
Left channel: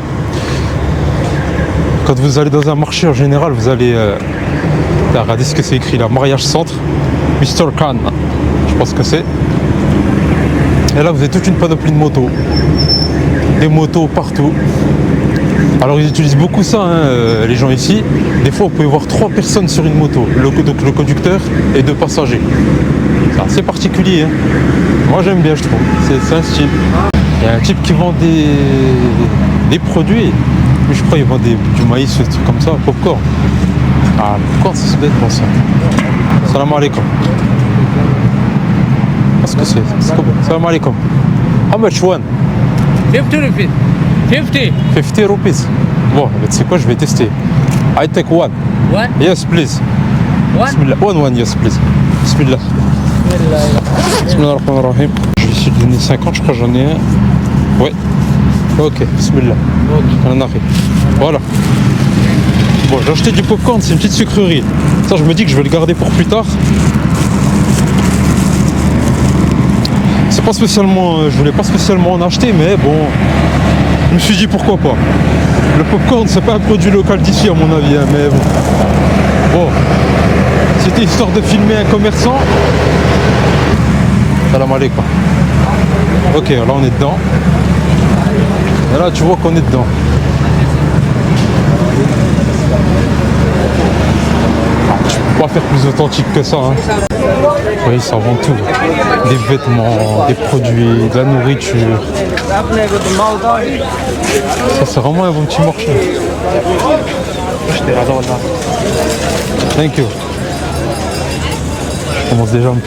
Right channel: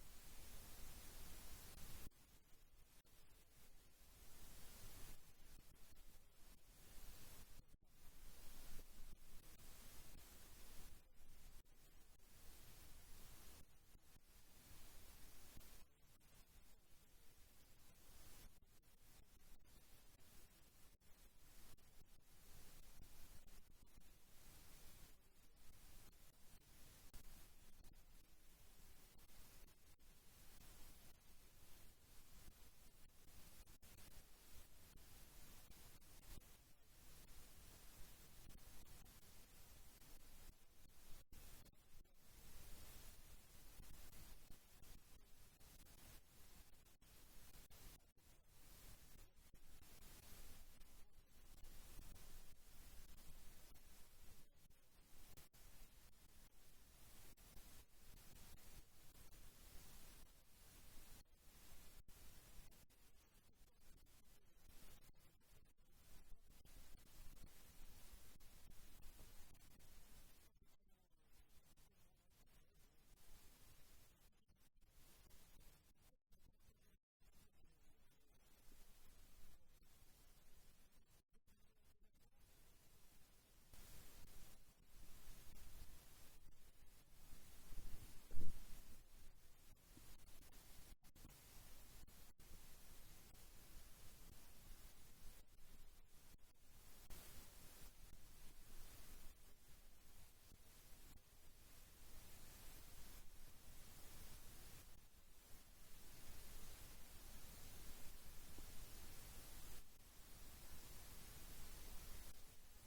Quand vous allez dans un marché, en général, vous allez Là, regardez ce que c'est écrit là, mariage centre, Mr. Khan. Je pense que c'est. Et là, vous avez toute une panoplie de motos. Des motos partout. Alors, ils utilisent beaucoup ça, hein, les gens ici. Des fois, vous pouvez voir 3 personnes sur une moto. Donc, le conducteur et 2 passagers. C'est assez particulier. Hein. Moi, j'aime bien, je trouve. C'est un style. Il y a un type qui vend des produits. Mais je crois qu'il vend du maïs, des trucs comme ça, popcorn. Ah, le popcorn, ça doit être bon, ça. Salam alaikum. Qu'est-ce que c'est comment? Salam alaikum. How much one? 50 rupees. 50. 50 rupees. Bon, tu sais quoi, je vais tester. I take one. One. Yes, please. One. Bismillah. One, yes, please. Bismillah. Bismillah ar-Rahman ar-Rahim. Je vais essayer de donner 50, je crois que j'en ai un. Ouais. Ok, bismillah. Ok. On arrive. Voilà. Bon, j'ai acheté du popcorn, c'est une petite sucrerie. Ça, je me dis que je vais le garder pour plus tard. C'est pas spécialement, je voulais pas spécialement en acheter, mais bon, je me suis dit pourquoi pas. Le popcorn, c'est pas un produit local d'ici à mon avis, hein, mais bon. Bon, c'était histoire de filmer un commerçant. Salam alaikum. Ok, là on est dedans. Et là, tu vois qu'on est dedans. Tu peux pas faire plus authentique que ça. Hein. Oui, ça vend tout. Des vêtements, des produits, de la nourriture. Ça, c'est vraiment un bon petit marché. Thank you. Je commence déjà à me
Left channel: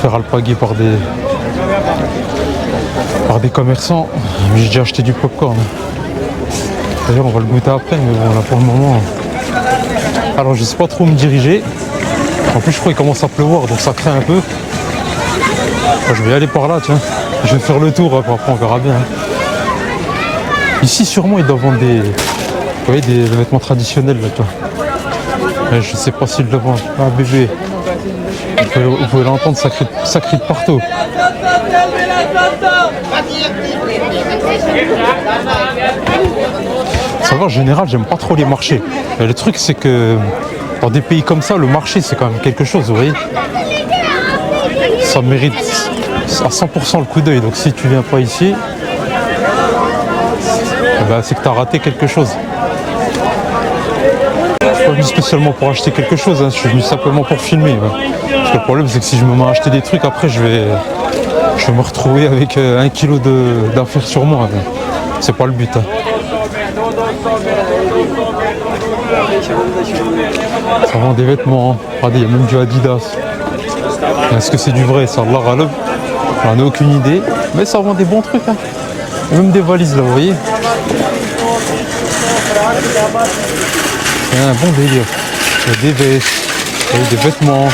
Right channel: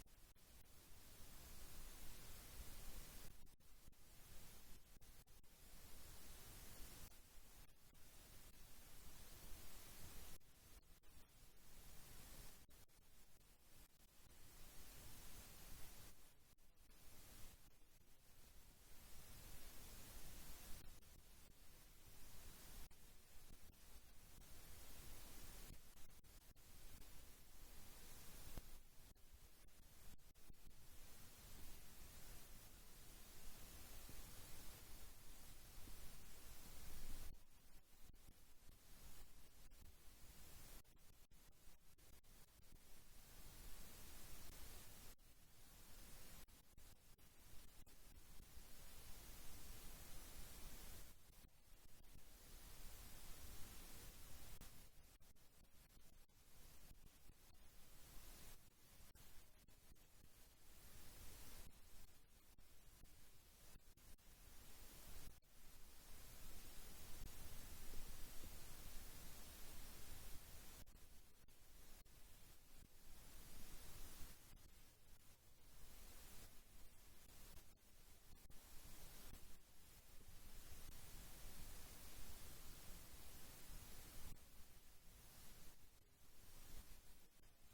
faire alpaguer par des commerçants. J'ai déjà acheté du popcorn. D'ailleurs, on va le goûter après, mais bon, là pour le moment. Alors, je sais pas trop où me diriger. En plus, je crois qu'il commence à pleuvoir, donc ça craint un peu. Enfin, je vais aller par là, tiens. Je vais faire le tour, après on verra bien. Ici, sûrement, ils doivent vendre des vêtements traditionnels, là, tu vois. Mais je sais pas s'ils le vendent. Ah, bébé. Vous pouvez l'entendre, ça crie de partout. Ça va, en général, j'aime pas trop les marchés. Mais le truc, c'est que dans des pays comme ça, le marché, c'est quand même quelque chose, vous voyez. Ça mérite à 100% le coup d'œil. Donc si tu viens pas ici, c'est que tu as raté quelque chose. Je suis pas venu spécialement pour acheter quelque chose, hein. Je suis venu simplement pour filmer. Ouais. Parce que le problème, c'est que si je me mets à acheter des trucs, après, je vais me retrouver avec 1 kilo d'affaires sur moi. Ouais. C'est pas le but. Hein. Ça vend des vêtements, regardez, il y a même du Adidas. Est-ce que c'est du vrai? Ça, Allah Ghalib, j'en ai aucune idée, mais ça vend des bons trucs. Hein. Il y a même des valises là, vous voyez. Il y a un bon délire. Il y a des vestes, des vêtements,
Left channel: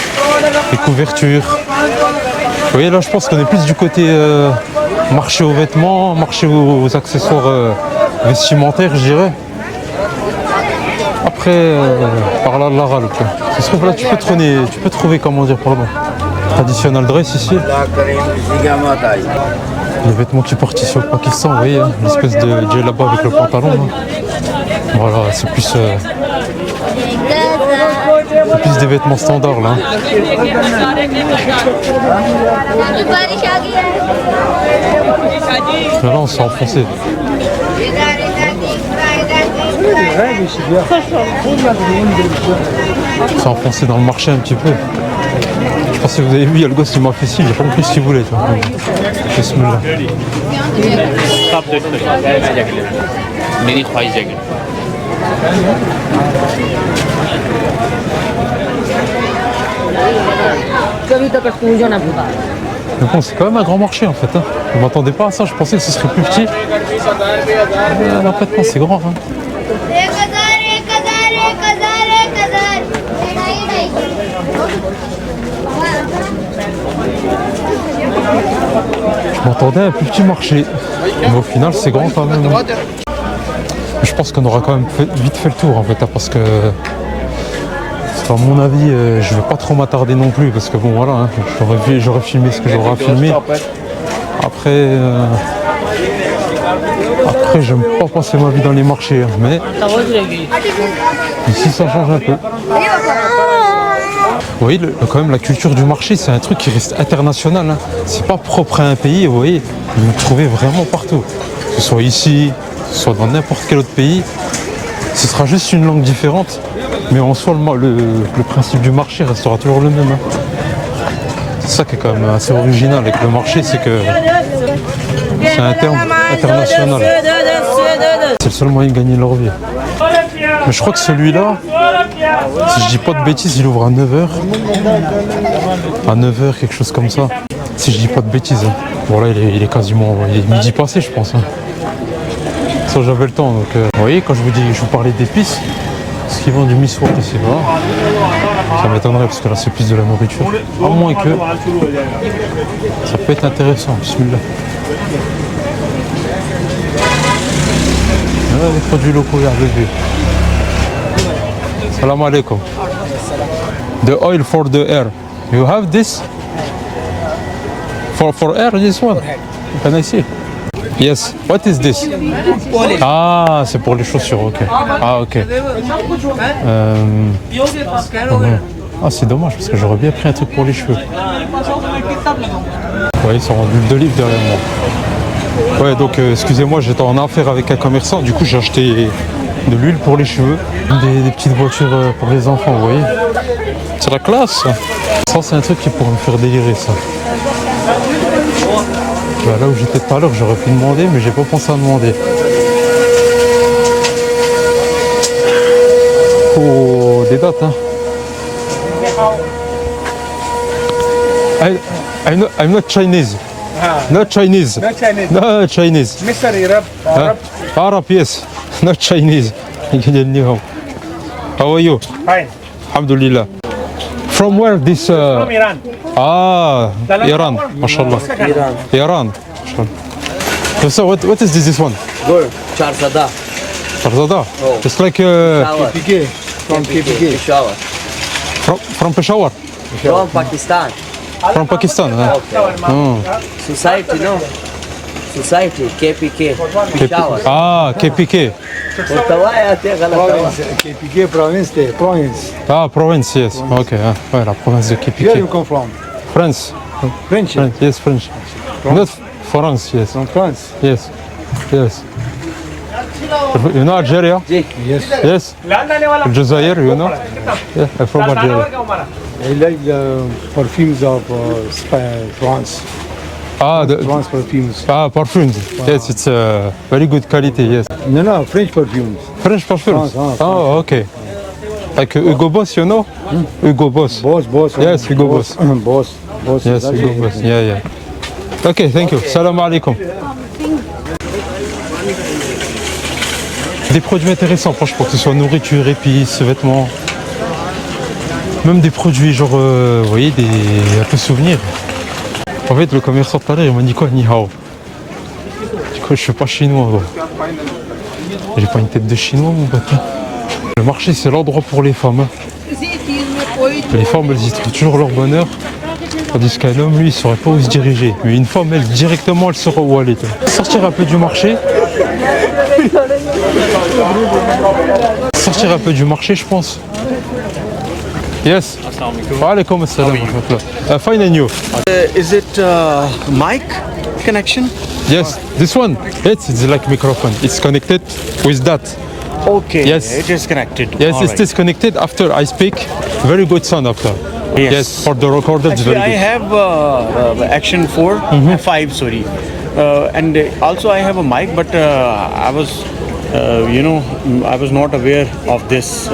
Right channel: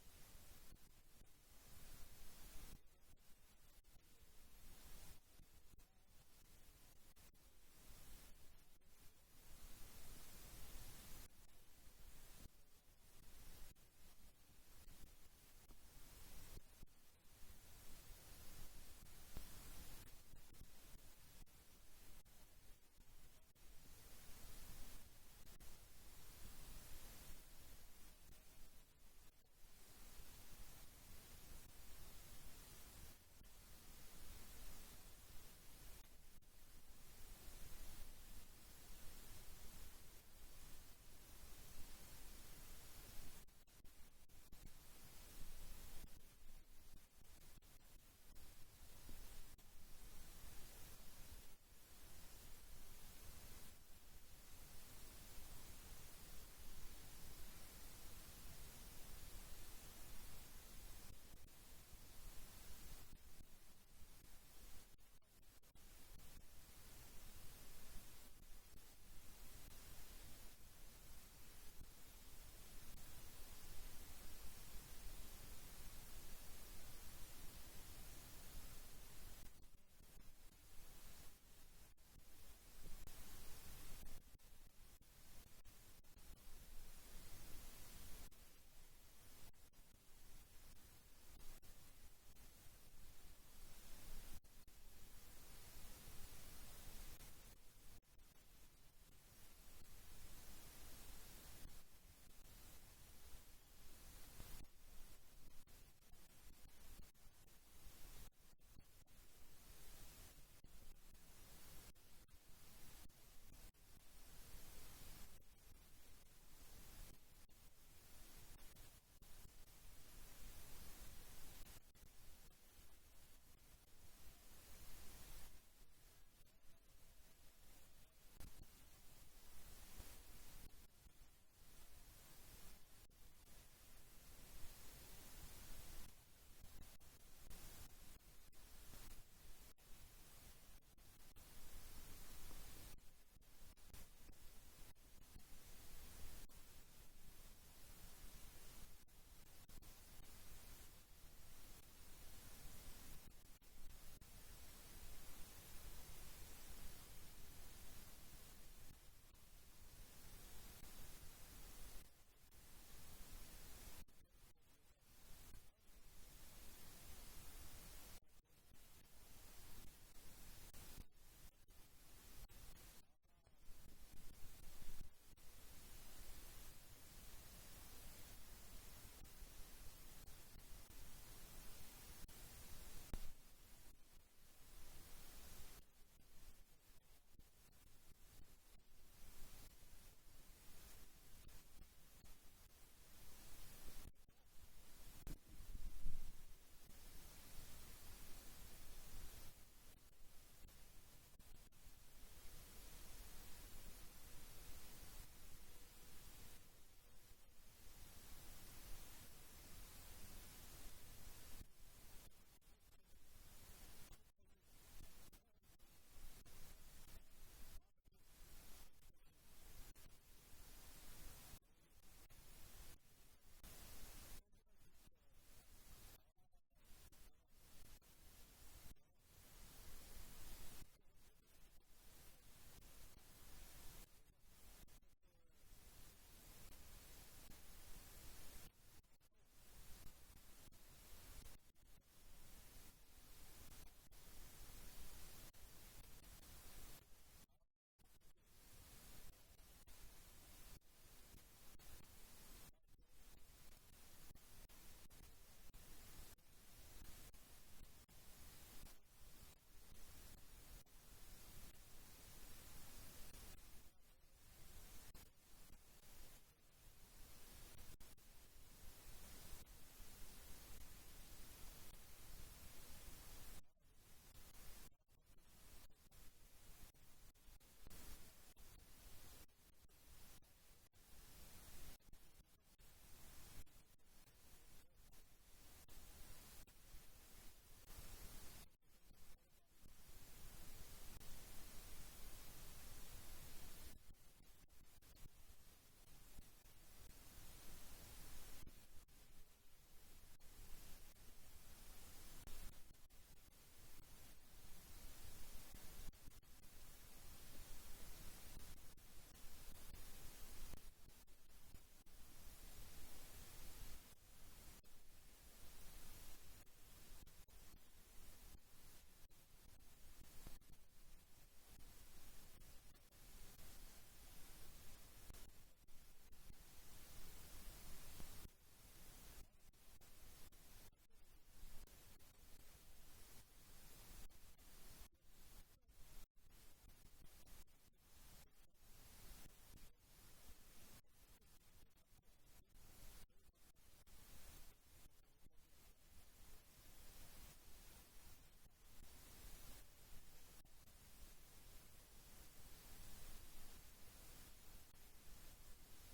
des couvertures. Vous voyez, là je pense qu'on est plus du côté marché aux vêtements, marché aux accessoires vestimentaires, je dirais. Après, par là, Allah Ghalib. Ça se trouve là, tu peux trouver, comment dire, pour le moment. Traditional dress ici. Les vêtements qui portent ici au Pakistan, vous voyez, hein, l'espèce de djellaba avec le pantalon. Là. Voilà, c'est plus des vêtements standards là. Mais là, on s'est enfoncé. On s'est enfoncé dans le marché un petit peu. Je pense que vous avez vu, il y a le gosse qui m'a fait signe, j'ai pas compris ce qu'il voulait. Bismillah. Mais bon, c'est quand même un grand marché en fait. Hein. Je ne m'attendais pas à ça, je pensais que ce serait plus petit. En fait, non, c'est grand. Hein. Je m'attendais à un plus petit marché, mais au final c'est grand quand même. Je pense qu'on aura quand même vite fait le tour en fait, hein, parce que à mon avis je vais pas trop m'attarder non plus, parce que bon voilà, hein, j'aurais filmé ce que j'aurais à filmer. Après Après, j'aime pas passer ma vie dans les marchés, hein, mais ici, ça change un peu. Vous voyez, quand même, la culture du marché, c'est un truc qui reste international. Hein. C'est pas propre à un pays, vous voyez. Vous le trouvez vraiment partout. Que ce soit ici, que ce soit dans n'importe quel autre pays. Ce sera juste une langue différente. Mais en soi, le principe du marché restera toujours le même. Hein. C'est ça qui est quand même assez original avec le marché, c'est que c'est un terme international. C'est le seul moyen de gagner leur vie. Mais je crois que celui-là, si je dis pas de bêtises, il ouvre à 9h. À 9h, quelque chose comme ça. Si je dis pas de bêtises. Hein. Bon là, il est quasiment midi passé, je pense. Hein. Ça, j'avais le temps. Donc, vous voyez, quand je vous parlais d'épices, ce qu'ils vendent du miswak ici-bas, ça m'étonnerait parce que là, c'est plus de la nourriture. À moins que ça peut être intéressant. Bismillah. Les produits locaux, regardez. Salam alaikum. The oil for the air. You have this? For air, this one? Can I see? Yes. What is this? Ah, c'est pour les chaussures, ok. Ah, ok. Ah, c'est dommage parce que j'aurais bien pris un truc pour les cheveux. Ouais, ils sont en huile d'olive derrière moi. Ouais, donc excusez-moi, j'étais en affaire avec un commerçant, du coup j'ai acheté de l'huile pour les cheveux, des petites voitures pour les enfants, vous voyez. C'est la classe. Ça, c'est un truc qui pourrait me faire délirer, ça. Bah, là où j'étais tout à l'heure, j'aurais pu demander, mais j'ai pas pensé à demander. Oh, des dates, hein. I'm not Chinese. Not Chinese. Not Chinese. No Chinese. Mr. Arab. Arab, yes. Not Chinese. How are you? Fine. Alhamdulillah. From where this? From Iran. Ah, Iran. MashaAllah. Iran. So what is this one? Good. Charzada. Farzada. Oh. It's like Shower. KPK. From KPK. Shower. from Peshawar. From Pakistan. From Pakistan. Huh? Oh. Society, no? Society, KPK. Peshawar. Ah, KPK. KPK province. Province. Ah, province, yes. Ok. Ah, ouais, la province de Where you KPK. come from? France. French. French. Yes, French. Not France, yes. From France. Yes. Yes. You know Algeria? Yes. Yes. Algeria, you know? Yeah, I'm from Algeria. I like the perfumes of France. Ah, France perfumes. perfumes. Yes, it's very good quality, yes. No, French perfumes. French perfumes? France. Oh, okay. Like Hugo Boss, you know? Hugo Boss. Boss. Yes, Hugo Boss. Boss. Yes, Hugo Boss. Yeah. Okay, thank you. Salam alaikum. Des produits intéressants, franchement, que ce soit nourriture, épices, vêtements. Même des produits genre, vous voyez, un peu souvenirs. En fait, le commerçant tout à l'heure, il m'a dit quoi, ni hao. Du coup, je suis pas chinois, gros. J'ai pas une tête de chinois, mon pote. Le marché, c'est l'endroit pour les femmes. Hein. Les femmes, elles y trouvent toujours leur bonheur. Tandis qu'un homme, lui, il saurait pas où se diriger. Mais une femme, elle, directement, elle saura où aller. Sortir un peu du marché. Sortir un peu du marché, je pense. Yes. Wa alaikum assalam. Fine and you? Is it mic connection? Yes, this one. It's like microphone. It's connected with that. Okay. Yes. It is connected. Yes, All it's right. disconnected after I speak. Very good sound after. Yes, for the recorder, it's Actually, very I good. have Action 4, 5, sorry. And also I have a mic, but I was, I was not aware of this,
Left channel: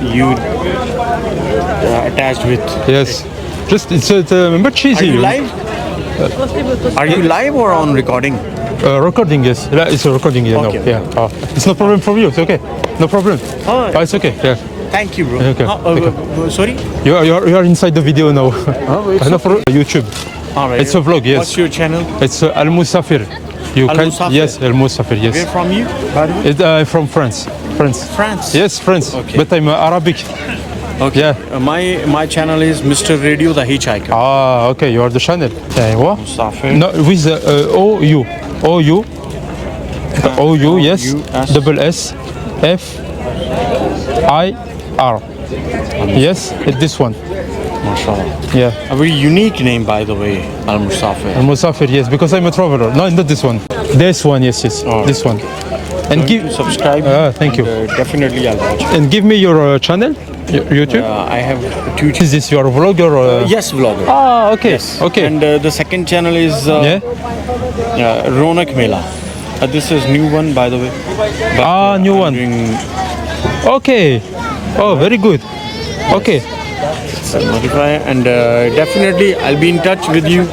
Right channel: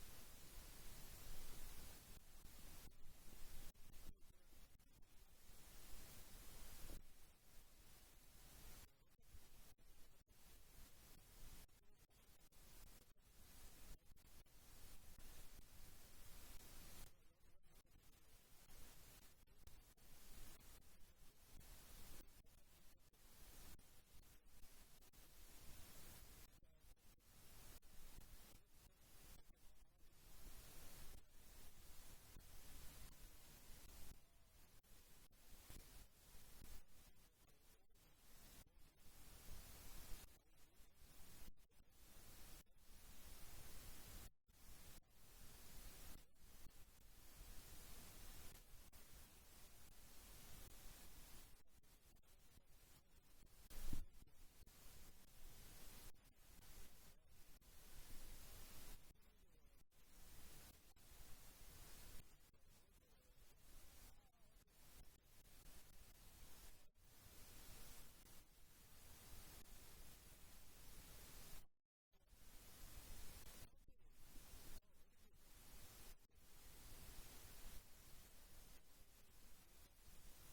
you attached with. Yes. Just it's remember Are cheesy. you live? Are you live or on recording? Recording, yes. It's a recording, yeah. Okay. No, yeah. It's no problem for you. It's okay. No problem. Oh. It's okay. Yeah. Thank you, bro. Okay. Sorry? You are inside the video now. it's No, for YouTube. All right. It's a vlog, yes. What's your channel? It's Al Musafir. You Al can Musafir. yes, Al Musafir, Where yes. from you? From France. France. France. Yes, France. Okay. But I'm Arabic. Okay. Yeah. My channel is Mr. Radio the Hitchhiker. Ah, okay, you are the channel. أيوة. Musafir. No, with O-U. O-U. O-U, yes. O-U-S. Double S-F-I-R. Yes, it's this one. MashaAllah. Yeah. A very unique name, by the way, Al Musafir. Al-Musafir, yes, because I'm a traveler. No, not this one. This one, yes, yes. Oh. This one. And give, Subscribe. thank you. Definitely I'll watch it. And give me your channel, YouTube. I have two. Is this your vlogger? Yes, vlogger. Ah, okay. Okay. And the second channel is yeah. Ronak Mela. This is new one, by the way. But, New I'm one. doing Okay. Oh, very good. Okay. modify and definitely I'll be in touch with you.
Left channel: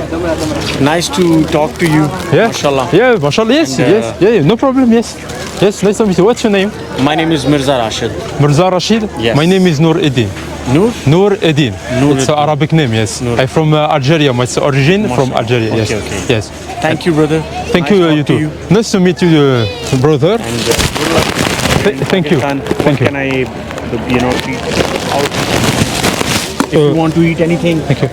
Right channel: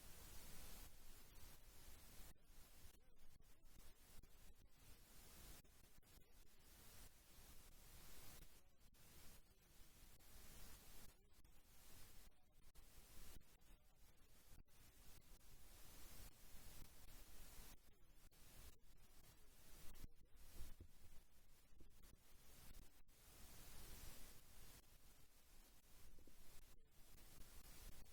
Nice to talk to you. Yeah. Mashallah. Yeah, mashallah. Yes, And, yes. Yeah, no problem. Yes. Yes, nice to meet you. What's your name? My name is Mirza Rashid. Mirza Rashid. Yes. My name is Noor Eddin. Noor? Noor Eddin. Noor It's an Eddin. Arabic name, yes. Noor. I'm from Algeria. My origin from Mashallah. Algeria. Yes. Okay, okay. Yes. Thank you, brother. Thank Nice you, talk you to too. Nice to meet you, brother. And good luck. Thank you. Pakistan. Thank you. What can I, eat out? If you want to eat anything. Thank you.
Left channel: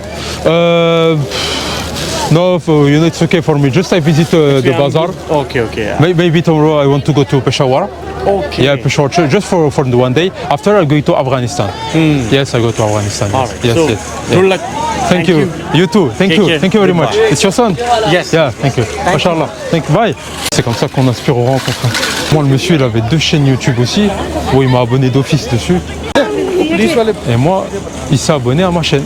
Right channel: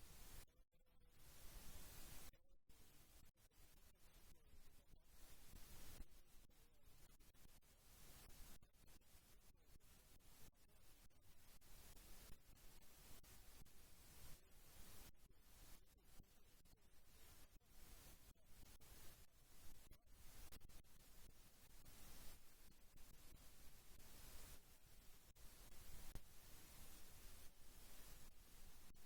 No, it's okay for me. Just I visit the bazaar. Okay, okay. Maybe tomorrow I want to go to Peshawar. Okay. Yeah, Peshawar, just for the one day. After I go to Afghanistan. Yes, I go to Afghanistan. All Yes, right. yes, So, yes. good luck. Thank you. You too. Thank Take you. care. Thank you very much. Goodbye. It's your son? Yes. Yeah, thank you. Mashallah. Thank you. Bye. C'est comme ça qu'on inspire aux rencontres. Moi, le monsieur, il avait 2 chaînes YouTube aussi, où il m'a abonné d'office dessus. Et moi, il s'est abonné à ma chaîne.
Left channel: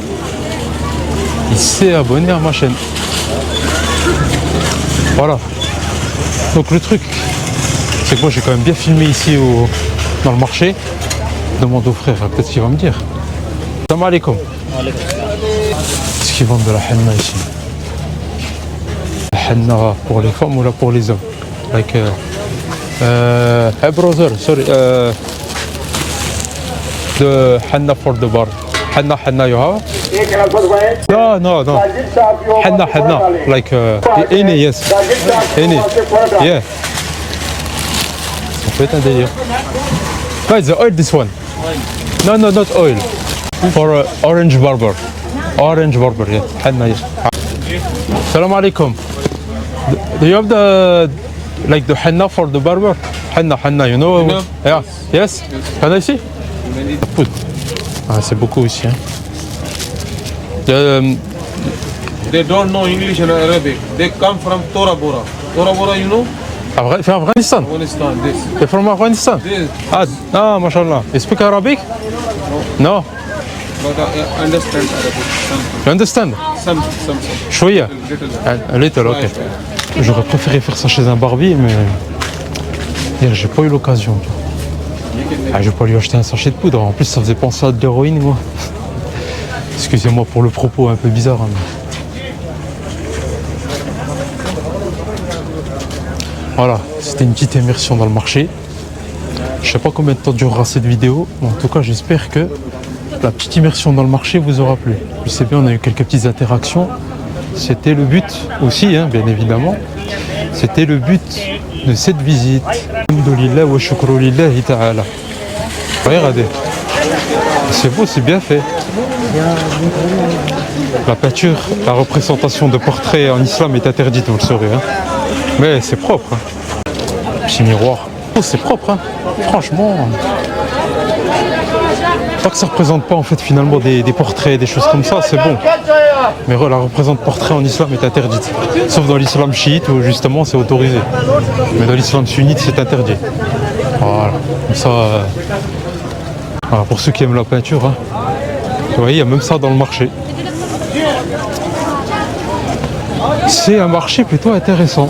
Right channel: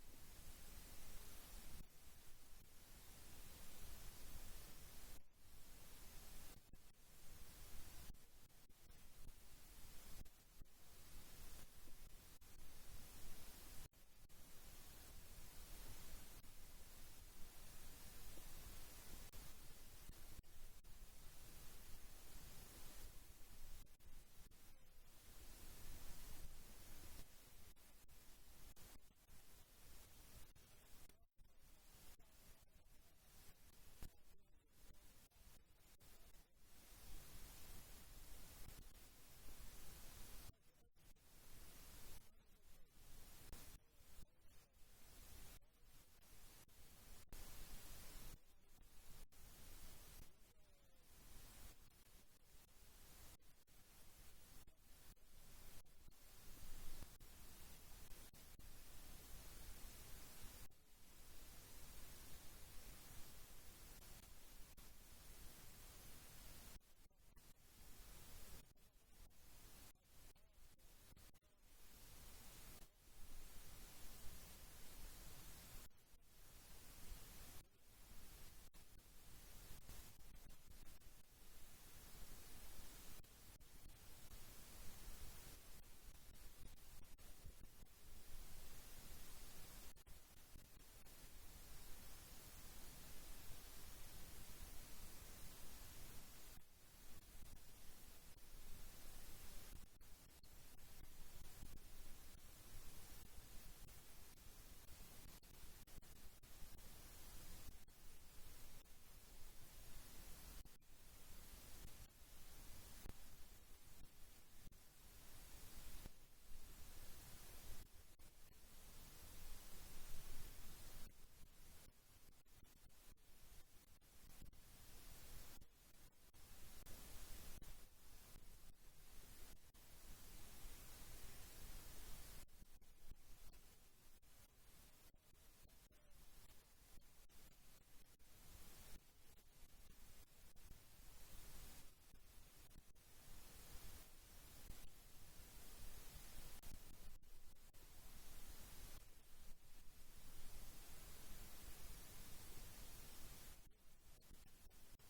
Il s'est abonné à ma chaîne. Voilà. Donc le truc, c'est que moi j'ai quand même bien filmé ici dans le marché. Je demande au frère, peut-être qu'il va me dire. Salam alaikum. Est-ce qu'ils vendent de la henna ici? La henna pour les femmes ou là pour les hommes? Like, hey brother, sorry. The henna for the bar. Henna you have? No. Henna. Like, any, yes. Any. Yeah. Ça peut être un délire. Guys, the oil, this one. No, not oil. For orange barber. Orange barber, yeah. Henna, yes. Salam alaikum. Do you have the henna for the barber? Henna, you know? Henna? Yeah. Yes? Can I see? Poudre. Ah, c'est beaucoup ici. Hein. They don't know English and Arabic. They come from Tora Bora. Tora Bora, you know? From Afghanistan? Afghanistan, this. You're from Afghanistan? This. mashallah. You speak Arabic? No. But I understand Arabic. You understand? Some. شوية. Little. A little, ok. J'aurais préféré faire ça chez un barbier, mais hier, j'ai pas eu l'occasion. Je vais pas lui acheter un sachet de poudre. En plus, ça faisait penser à de l'héroïne, moi. Excusez-moi pour le propos un peu bizarre. Hein, mais... Voilà, c'était une petite immersion dans le marché. Je sais pas combien de temps durera cette vidéo, mais en tout cas, j'espère que la petite immersion dans le marché vous aura plu. Je sais bien, on a eu quelques petites interactions. C'était le but aussi, hein, bien évidemment. C'était le but de cette visite. Alhamdulillah wa shukru lillahi ta'ala. Regardez. C'est beau, c'est bien fait. La peinture, la représentation de portraits en islam est interdite, vous le saurez. Hein. Mais c'est propre. Hein. Petit miroir. Oh, c'est propre, hein. Franchement. Pas que ça représente pas en fait finalement des portraits, des choses comme ça, c'est bon. Mais la représente portrait en islam est interdite. Sauf dans l'islam chiite où justement c'est autorisé. Mais dans l'islam sunnite c'est interdit. Voilà. Comme ça. Voilà, pour ceux qui aiment la peinture, hein. Vous voyez, il y a même ça dans le marché. C'est un marché plutôt intéressant.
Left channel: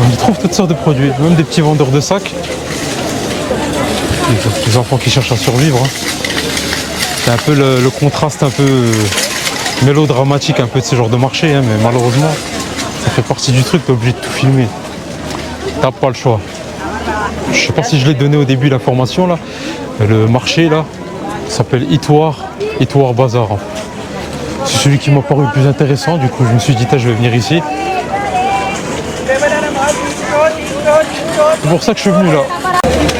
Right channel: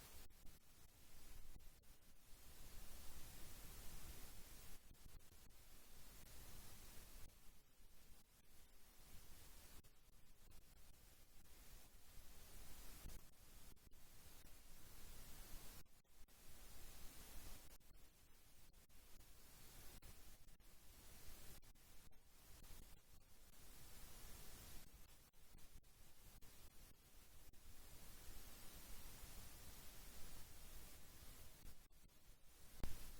On y trouve toutes sortes de produits, même des petits vendeurs de sacs. Les enfants qui cherchent à survivre. Hein. C'est un peu le contraste un peu mélodramatique un peu de ce genre de marché, hein, mais malheureusement, ça fait partie du truc, t'es obligé de tout filmer. T'as pas le choix. Je sais pas si je l'ai donné au début l'information là. Le marché là s'appelle Itwar Bazar. Hein. C'est celui qui m'a paru le plus intéressant, du coup je me suis dit je vais venir ici. C'est pour ça que je suis venu là.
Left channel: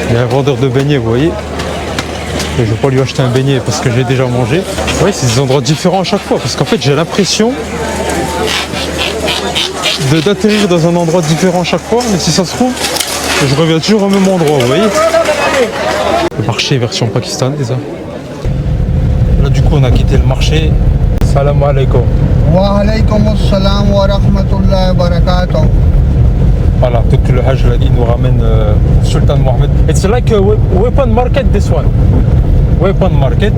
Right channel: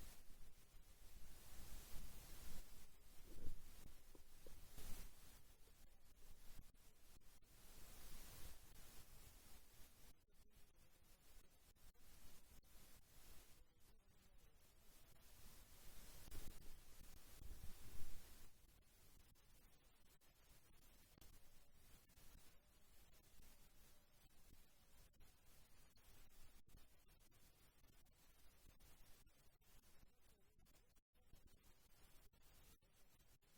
Il y a un vendeur de beignets, vous voyez. Et je vais pas lui acheter un beignet parce que j'ai déjà mangé. Oui, c'est des endroits différents à chaque fois parce qu'en fait j'ai l'impression d'atterrir dans un endroit différent à chaque fois, mais si ça se trouve, je reviens toujours au même endroit, vous voyez. Le marché version pakistanaise. Là du coup on a quitté le marché. Salam alaikum. Wa alaykum assalam wa rahmatullahi wa barakatuh. Voilà, donc le Hajj là, il nous ramène Sultan Mohammed. It's like a weapon market this one. Weapon market.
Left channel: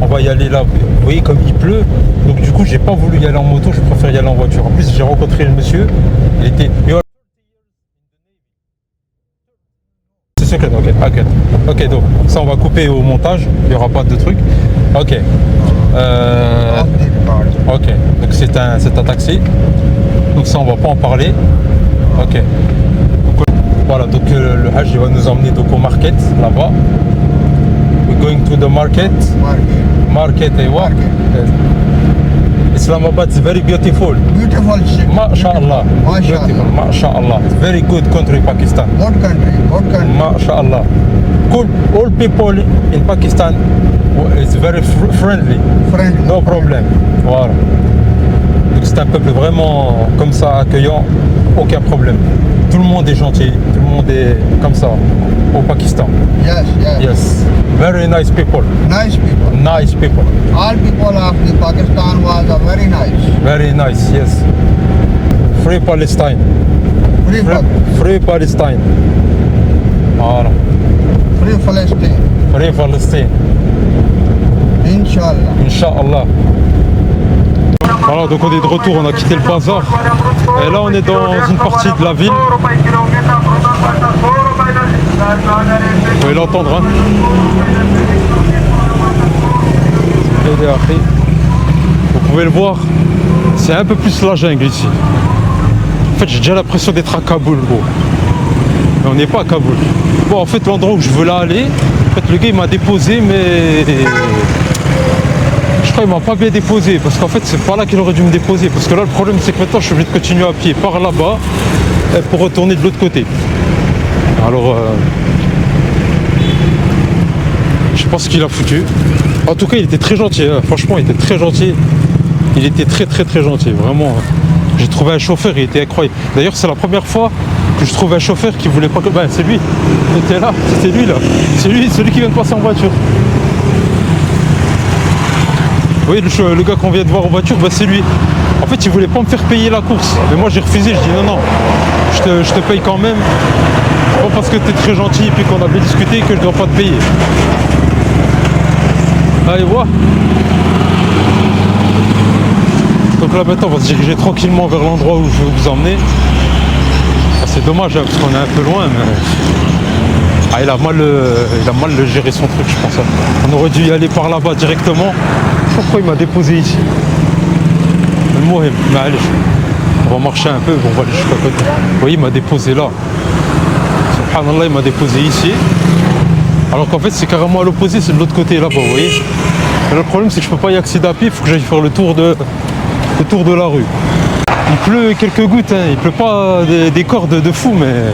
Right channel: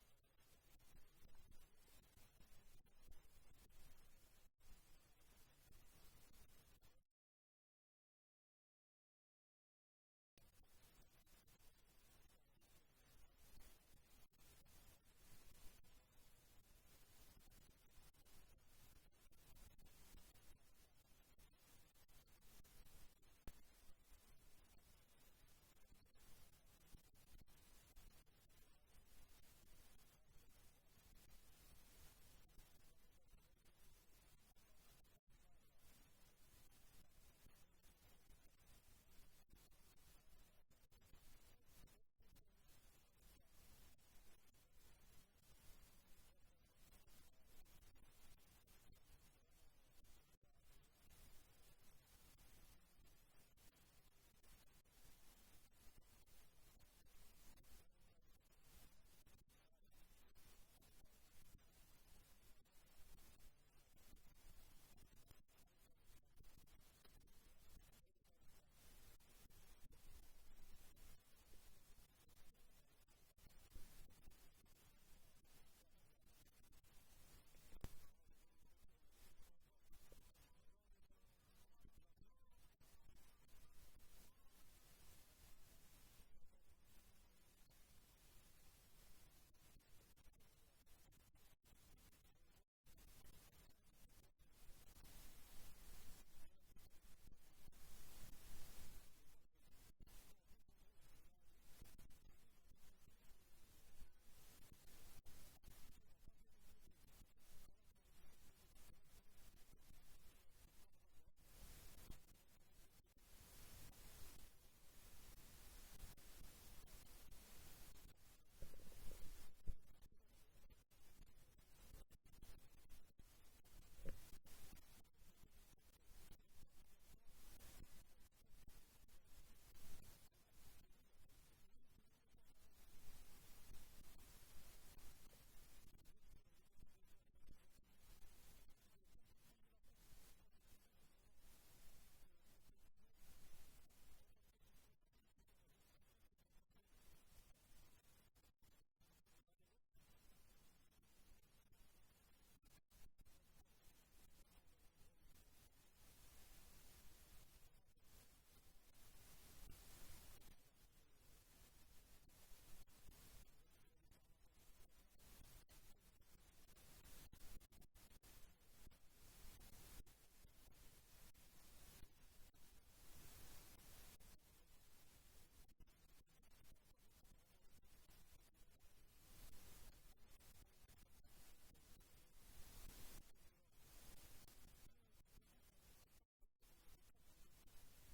On va y aller là, vous voyez comme il pleut. Donc du coup j'ai pas voulu y aller en moto, je préfère y aller en voiture. En plus j'ai rencontré le monsieur, il était... C'est secret, ok, donc ça on va couper au montage, il n'y aura pas de truc. Ok. Ok, donc c'est un taxi. Donc ça on va pas en parler. Ok. Donc, voilà, donc le Hajj il va nous emmener donc au market là-bas. We're going to the market. Market et what? Islamabad is very beautiful. Beautiful city. MashaAllah. Beautiful. MashaAllah. Very good country, Pakistan. What country? What country? MashaAllah. Cool. All people in Pakistan is very friendly. Friendly. No problem. Voilà. Donc c'est un peuple vraiment comme ça, accueillant, aucun problème. Tout le monde est gentil, tout le monde est comme ça au Pakistan. Yes, yes. Yes. Very nice people. Nice people. Nice people. All people of the Pakistan was very nice. Very nice, yes. Free Palestine. Free Palestine. Voilà. Free Palestine. Free Palestine. Inch'Allah. Inch'Allah. Voilà, donc on est de retour, on a quitté le bazar. Et là on est dans une partie de la ville. Vous pouvez l'entendre, hein. Vous pouvez le voir, c'est un peu plus la jungle ici. En fait j'ai déjà l'impression d'être à Kaboul, gros. Mais on n'est pas à Kaboul. Bon, en fait l'endroit où je veux là aller, en fait le gars il m'a déposé, mais je crois qu'il m'a pas bien déposé, parce qu'en fait c'est pas là qu'il aurait dû me déposer, parce que là le problème c'est que maintenant je suis obligé de continuer à pied par là-bas pour retourner de l'autre côté. Alors je sais pas ce qu'il a foutu. En tout cas il était très gentil, hein. Franchement il était très gentil. Il était très gentil, vraiment. J'ai trouvé un chauffeur, il était incroyable. D'ailleurs c'est la première fois que je trouve un chauffeur qui voulait pas que... Ben c'est lui, il était là, c'était lui là. C'est lui, celui qui vient de passer en voiture. Vous voyez le gars qu'on vient de voir en voiture, bah c'est lui. En fait il voulait pas me faire payer la course. Mais moi j'ai refusé, je dis non, je te paye quand même. Pas parce que tu es très gentil et puis qu'on a bien discuté que je dois pas te payer. Allez voir. Donc là maintenant on va se diriger tranquillement vers l'endroit où je vais vous emmener. Ah, c'est dommage hein, parce qu'on est un peu loin, mais... Ah, il a mal géré son truc, je pense. On aurait dû y aller par là-bas directement. Je sais pas pourquoi il m'a déposé ici. Mais allez, on va marcher un peu, on va aller jusqu'à côté. Vous voyez, il m'a déposé là. Subhanallah, il m'a déposé ici. Alors qu'en fait, c'est carrément à l'opposé, c'est de l'autre côté là-bas, vous voyez. Et le problème, c'est que je peux pas y accéder à pied, il faut que j'aille faire le tour de la rue. Il pleut quelques gouttes, hein. Il pleut pas des cordes de fou, mais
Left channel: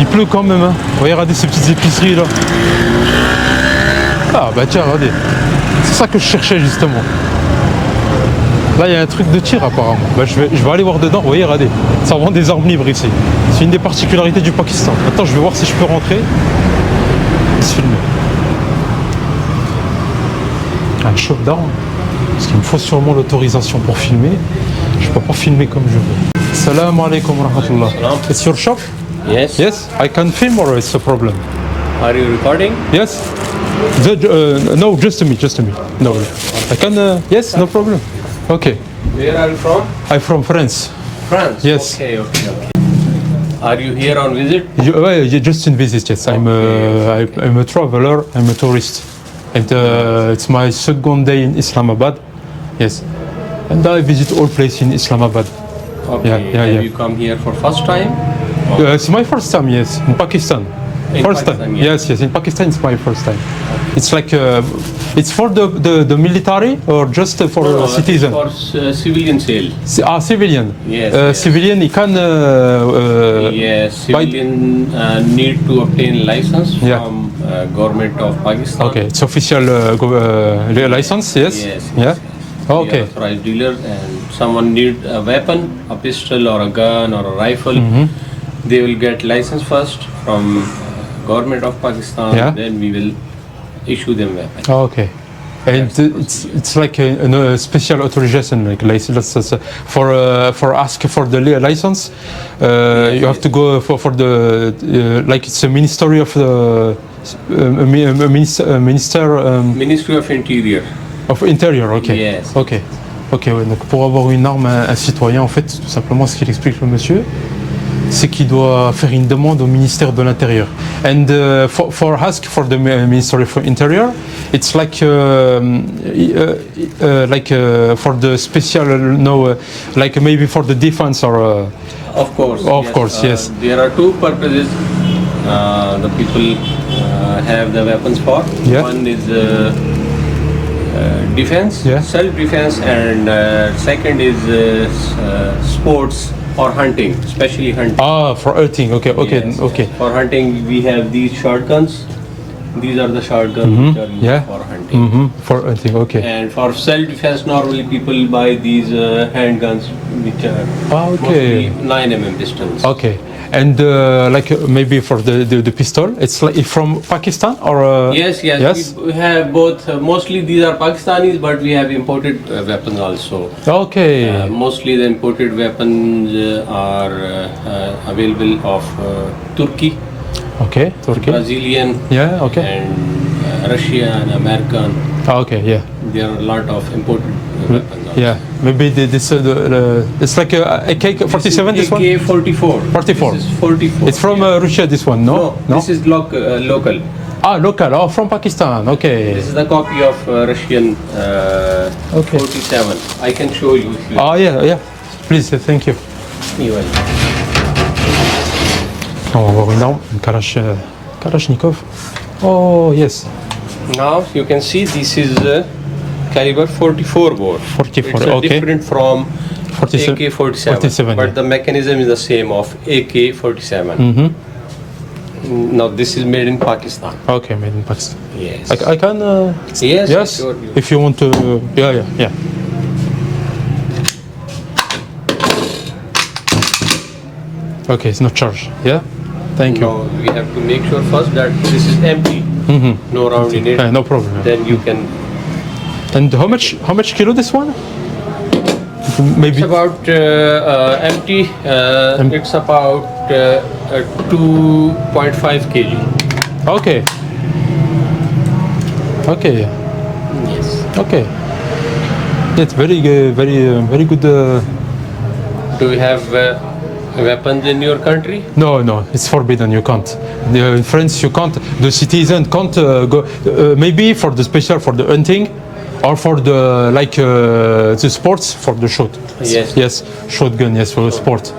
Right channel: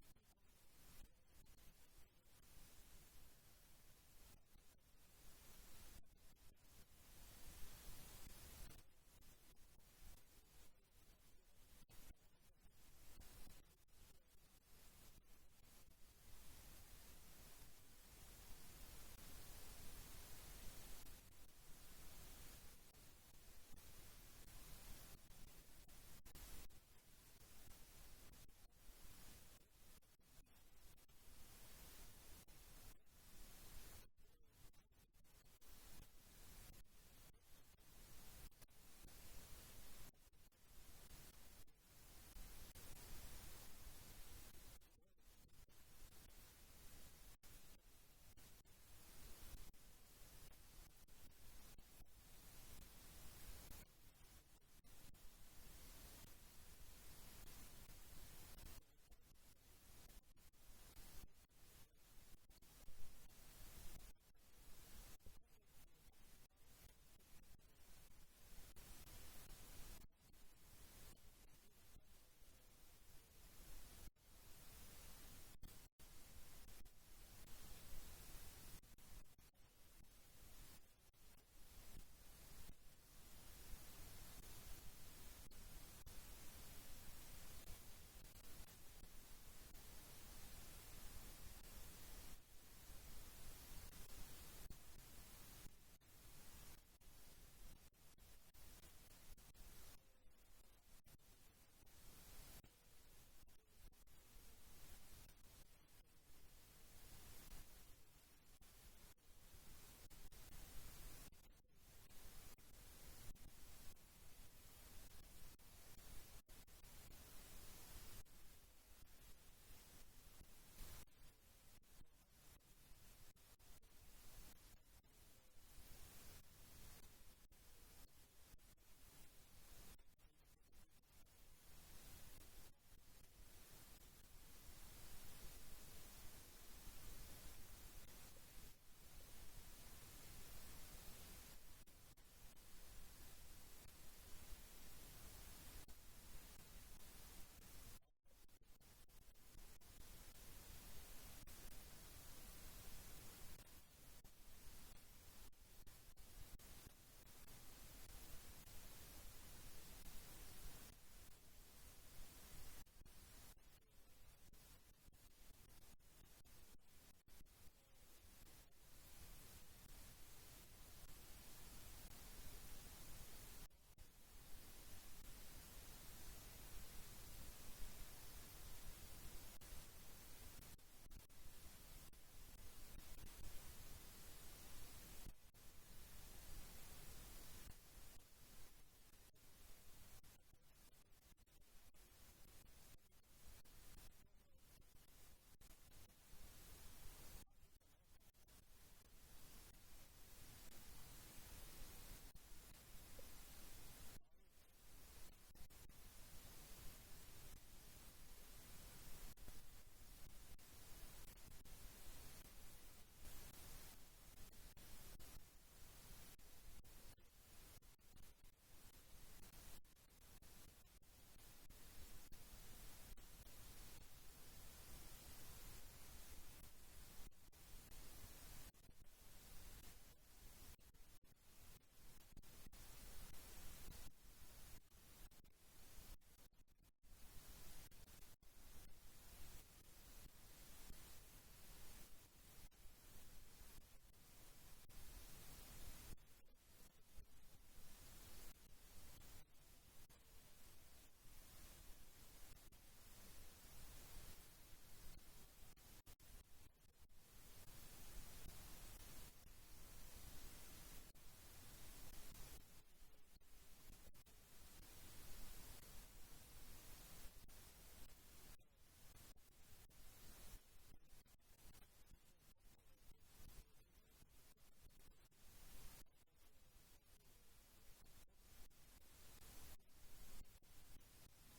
il pleut quand même. Hein. Vous voyez, regardez ces petites épiceries là. Ah bah tiens, regardez. C'est ça que je cherchais justement. Là, il y a un truc de tir apparemment. Bah, je vais aller voir dedans. Vous voyez, regardez. Ça vend des armes libres ici. C'est une des particularités du Pakistan. Maintenant, je vais voir si je peux rentrer. Se filmer. Un shop d'armes. Parce qu'il me faut sûrement l'autorisation pour filmer. Je peux pas filmer comme je veux. Salam alaikum wa rahmatullah. It's your shop? Yes. Yes. I can film or it's a problem? Are you recording? Yes. No, just to me. No. I can. Yes, no problem. Okay. Where are you from? I'm from France. France. Yes. Okay. Are you here on visit? Just in visit. Yes. I'm a traveler. I'm a tourist. And it's my second day in Islamabad. Yes. And I visit all places in Islamabad. Okay. Yeah. Have you come here for first time? It's my first time. Yes, in Pakistan. First time. Yes. In Pakistan, it's my first time. It's like it's for the military or just for citizen? For civilian sale. Civilian. Yes. Civilian, he can. Yes. Civilian need to obtain license from government of Pakistan. Okay, it's official license, yes? Yes. Yeah? Oh, We are okay. authorized dealer, and someone need a weapon, a pistol or a gun or a rifle, Mm-hmm. they will get license first from government of Pakistan. Yeah. Then we will issue them weapon. Oh, okay. And it's like a special authorization, like license for ask for the license. You have to go for the like it's a ministry of the minister Ministry of Interior. of Interior. Okay. Yes. Ok. Ok. Ouais, donc pour avoir une arme, un citoyen, en fait, tout simplement, ce qu'il explique le monsieur, c'est qu'il doit faire une demande au ministère de l'Intérieur. And for ask for the Ministry of Interior, it's like for the special, like maybe for the defense or. Of course. Of course, yes. There are two purposes the people have the weapons for. Yeah. One is defense, Yeah. self-defense, and second is sports or hunting, especially hunting. Ah, for hunting. Okay. Okay. Yes. Okay. For hunting, we have these shotguns. These are the shotguns which are used Yeah. for hunting. Mm-hmm. For hunting. Okay. And for self-defense, normally people buy these handguns, which are Ah, okay. mostly 9mm pistols. Okay. And like maybe for the pistol, it's like from Pakistan or. Yes. Yes. We have both. Mostly these are Pakistanis, but we have imported weapons also. Okay. Mostly the imported weapons are available of Turkey, Okay. Turkey. Brazilian, Yeah. Okay. and Russian, American. Ah, okay. Yeah. There are a lot of imported weapons. Also. Yeah. Maybe this it's like a AK-47. This one. AK-44. 44. This is 44. It's from Russia. This one. No. This is local. Ah, local. Oh, from Pakistan. Okay. This is the copy of Russian Okay. 47. I can show you if you. Oh yeah. Yeah. Please. Thank you. Anyway. On va voir une arme, une Kalachnikov. Oh yes. Now you can see this is caliber 44 bore. 44, It's okay. different from 47. AK-47, 47, but yeah. the mechanism is the same of AK-47. Mm-hmm. Now this is made in Pakistan. Okay, made in Pakistan. Yes. I can. Yes. Yes. Sure. If you want to. Yeah. Okay, it's not charged. Yeah. Thank you. Now we have to make sure first that this is empty. Mm-hmm. No round in it. No problem. Then you can. And how much kilo this one? Maybe. It's about empty. It's about 2.5 kg. Okay. Okay. Yes. Okay. It's very good. Do you have weapons in your country? No, it's forbidden. You can't. In France, you can't. The citizen can't go. Maybe for the special, for the hunting, or for the the sports, for the shot. Yes. Shotgun. Yes, for sport.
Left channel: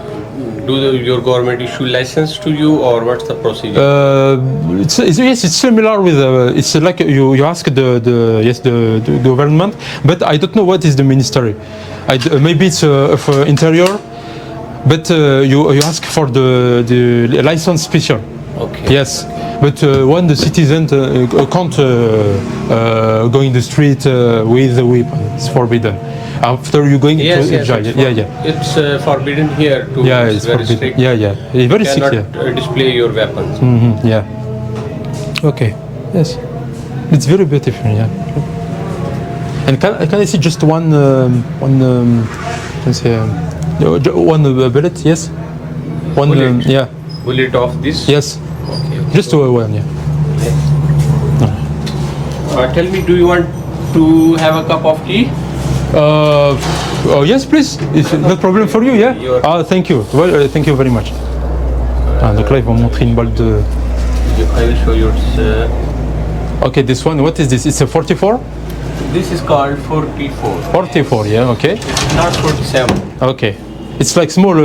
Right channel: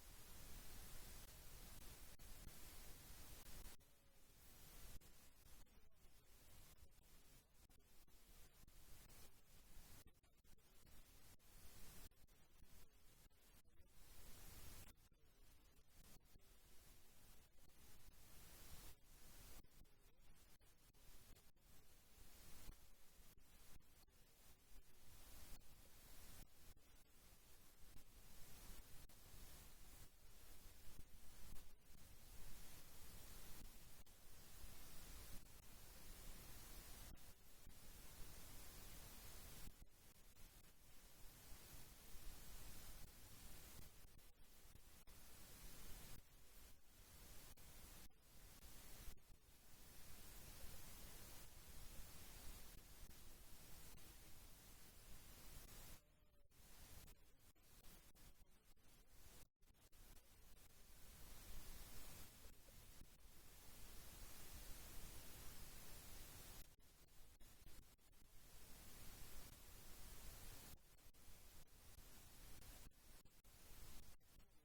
Do your government issue license to you, or what's the procedure? It's similar with. It's like you ask the government, but I don't know what is the ministry. Maybe it's of interior. But you ask for the license special. Okay. Yes. But when the citizen can't go in the street with a weapon, it's forbidden. After you going Yes, to jail. Yeah. It's forbidden here too. Yeah, it's very forbidden. strict. Yeah. It's very You strict. cannot Yeah. display your weapons. Mm-hmm. Yeah. Okay. Yes. It's very beautiful. Yeah. And can I see just one let's say one bullet? Yes. One. Bullet? Yeah. Bullet of this? Yes. Okay. Just one. Yeah. Tell me, do you want to have a cup of tea? Oh yes, please. It's no problem for you, yeah. Ah, thank you. Well, thank you very much. Ah, donc là, ils vont montrer une balle de. I will show you. Okay, this one. What is this? It's a 44. This is called 44. 44, yeah. Okay. It's not 47. Okay. It's like small.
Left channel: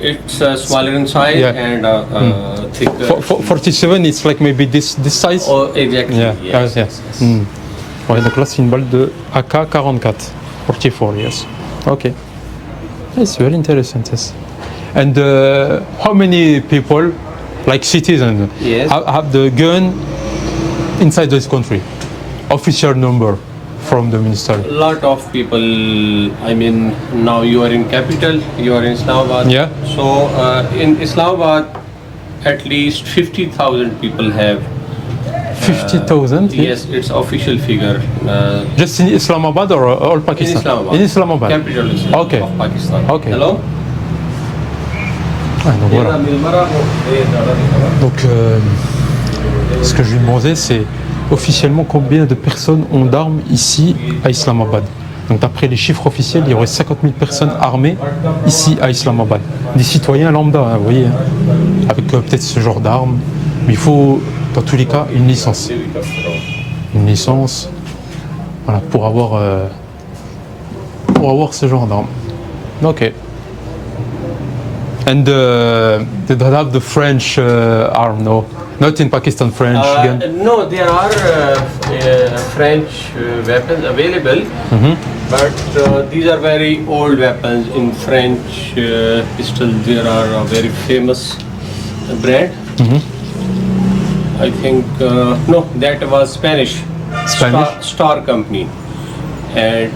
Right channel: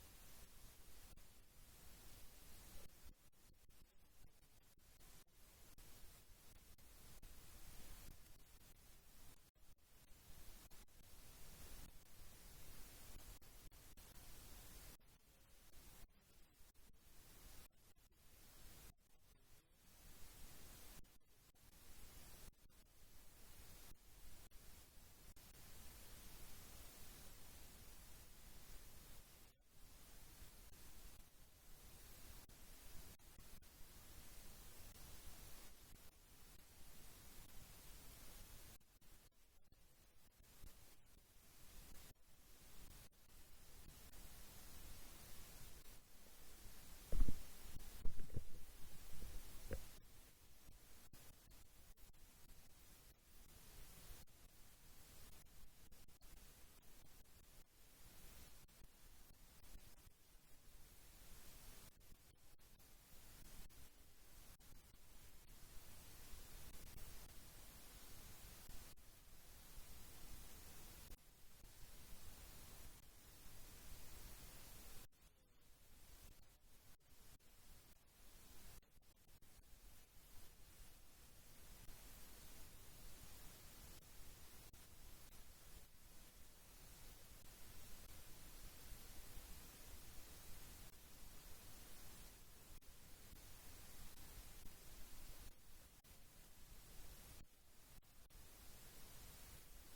It's smaller in size Yeah. and thicker. 47, it's like maybe this size. Oh, exactly. Yeah. Yes. Yes. Mm. Ouais, donc là, c'est une balle de AK-44. 44, yes. Okay. It's very interesting. Yes. And how many people, like citizens, Yes. have the gun inside this country? Official number from the minister. A lot of people, I mean, now you are in capital, you are in Islamabad. Yeah. So in Islamabad, at least 50,000 people have. 50,000? Yes, it's official figure. Just in Islamabad or all Pakistan? In Islamabad. In Islamabad. Capital Okay. of Pakistan. Okay. Hello. Ah, donc voilà. Donc, ce que je lui demandais, c'est officiellement combien de personnes ont d'armes ici à Islamabad. Donc, d'après les chiffres officiels, il y aurait 50 000 personnes armées ici à Islamabad. Des citoyens lambda, hein, vous voyez, hein, avec peut-être ce genre d'armes. Mais il faut, dans tous les cas, une licence. Une licence, voilà, pour avoir ce genre d'armes. Ok. And they don't have the French arm, no? Not in Pakistan, French gun? No, there are French weapons available, but these are very old weapons. In French pistol, there are a very famous brand. I think, no, that was Spanish. Star Company. And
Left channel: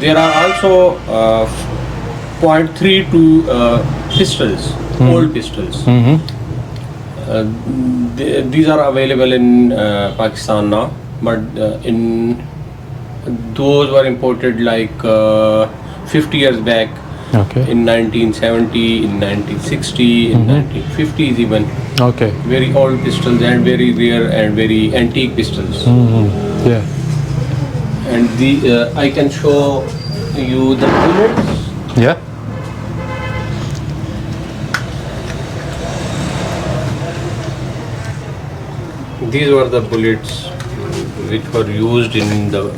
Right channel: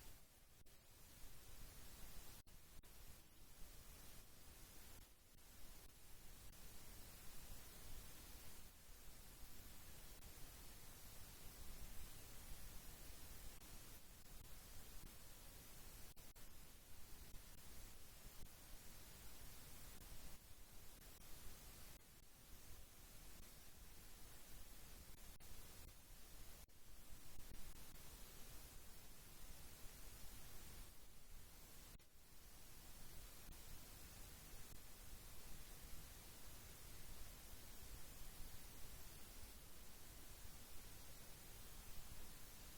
there are also .32 pistols, old pistols. These are available in Pakistan now, but those were imported like 50 years back, in 1970, in 1960, in 1950s even. Okay. Very old pistols and very rare and very antique pistols. Yeah. And I can show you the bullets. Yeah. These were the bullets which were used in the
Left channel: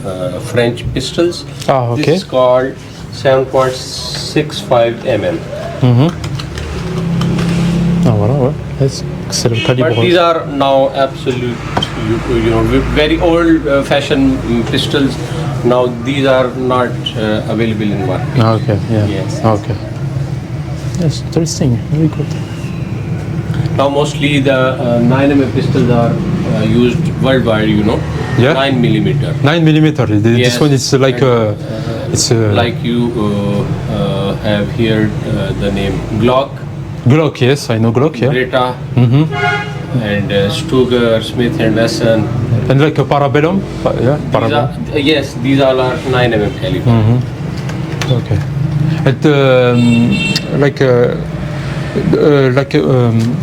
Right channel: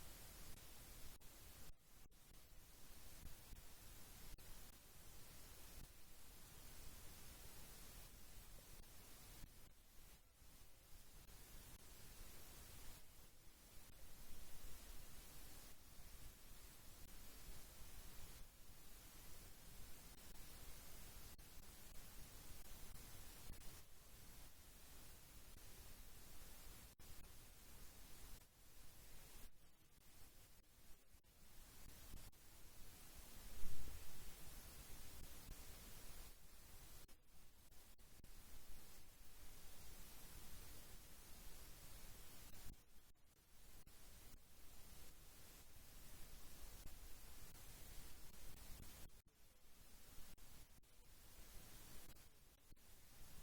French pistols. Ah, okay. This is called 7.65 mm. Ah, voilà, ouais. C'est le calibre. But these are now absolute, you know, very old-fashioned pistols. Now these are not available in market. Ah, okay, yeah. Yes. Okay. Yes, interesting. Very good. Now mostly the 9mm pistols are used worldwide, you know. Yeah. 9mm. 9mm. This Yes. one is like it's like you have here the name Glock. Glock, yes, I know Glock, yeah. Beretta, and Stuger, Smith and Wesson. And like a Parabellum? Yeah, Parabellum. Yes, these all are 9mm caliber. Okay. And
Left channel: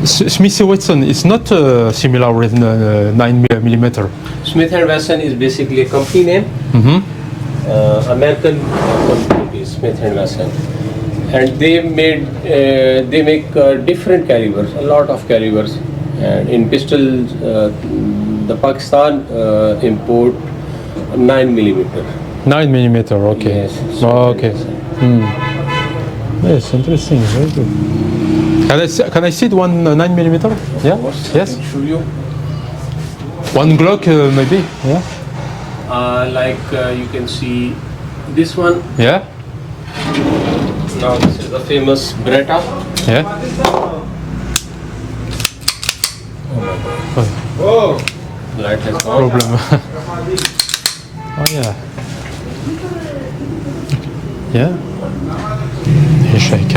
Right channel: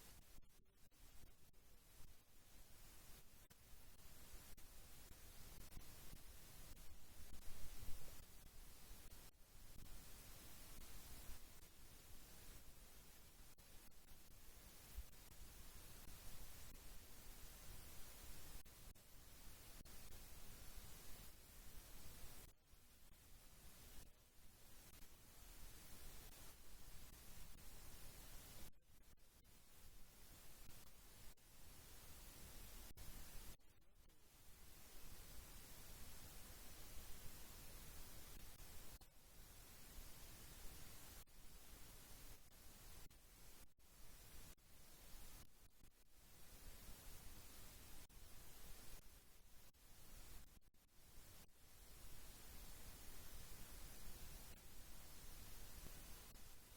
Smith & Wesson is not similar with 9mm. Smith and Wesson is basically a company name. American company is Smith and Wesson, and they make different calibers, a lot of calibers. And in pistols, the Pakistan import 9mm. 9mm, okay. Yes. Oh, okay. Yes, interesting. Very good. Can I see the one 9mm? Yeah. Yes. Show you. One Glock, maybe. Yeah. Like you can see this one. Yeah. Now this is the famous Beretta. Yeah. Oh. Light has gone. Problem. Oh yeah. Yeah. Et je suis avec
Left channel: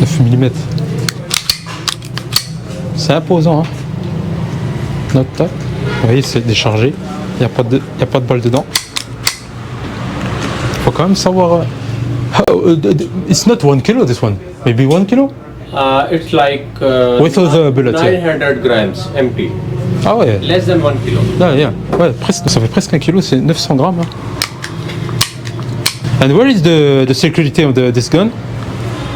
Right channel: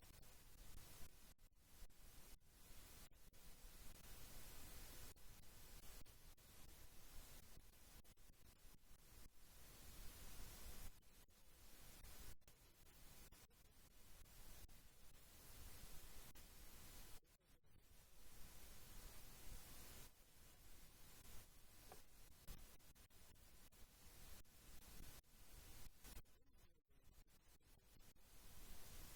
9 mm. C'est imposant, hein. Note top. Vous voyez, c'est déchargé. Il n'y a pas de balle dedans. Il faut quand même savoir. It's not 1 kilo this one. Maybe 1 kilo? It's like Without the bullets, 900 grams empty. Ah ouais. Less than 1 kilo. Ah, yeah. Ouais, presque, ça fait presque 1 kilo, c'est 900 grammes. Hein. And where is the security of this gun?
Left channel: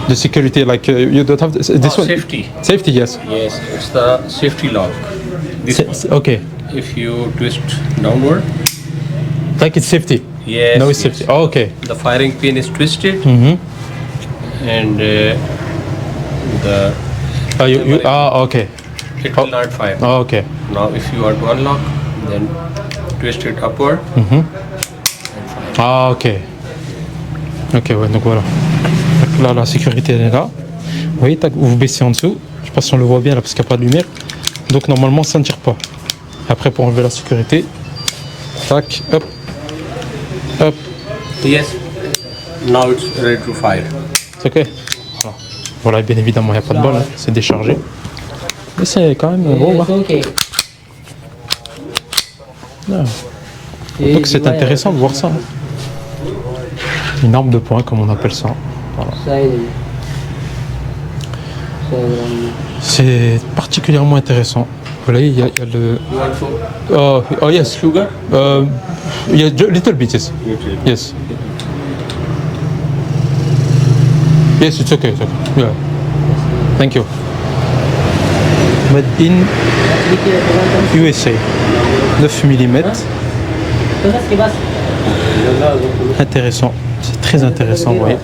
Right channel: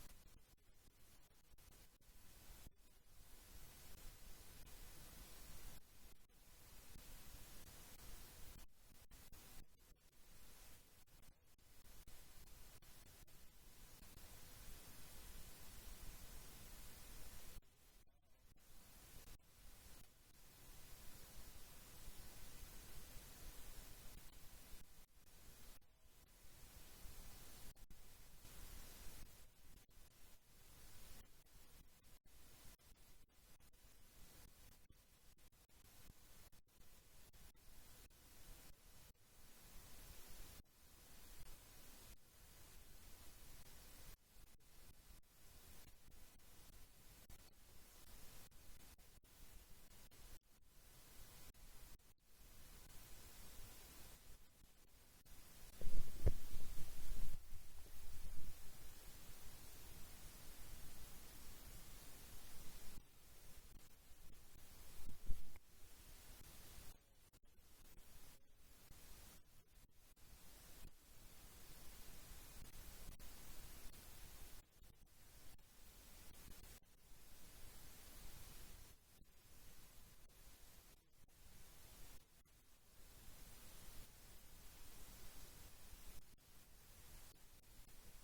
The security, like you don't have this one? Safety. Safety, yes. Yes, it's the safety lock. This one. Okay. If you twist downward. Like it's safety? Yes. No, it's yes. safety. Oh, okay. The firing pin is twisted. And the. Okay. It will not fire. Oh, okay. Now, if you want to unlock, then twist it upward. Ah, ok. Ok, ouais, donc voilà. Donc là, la sécurité, elle est là. Vous voyez, tac, vous baissez en dessous. Je sais pas si on le voit bien là parce qu'il n'y a pas de lumière. Donc normalement, ça ne tire pas. Après, pour enlever la sécurité, tac, hop, hop, Yes. Now it's ready to fire. c'est ok. Voilà. Voilà, bien évidemment, il n'y a pas de bol, hein, c'est déchargé. Mais c'est quand même beau. Hein. Ah. Donc c'est intéressant de voir ça. Hein. Une arme de poing, comme on appelle ça. Voilà. C'est particulièrement intéressant. Vous voyez, il y a le... Oh yes. Sugar? Yeah, little bit, yes. Yes. Yes, it's okay, it's okay. Yeah. Thank you. Made in USA. 9 mm. Intéressant. C'est très intéressant, vous voyez.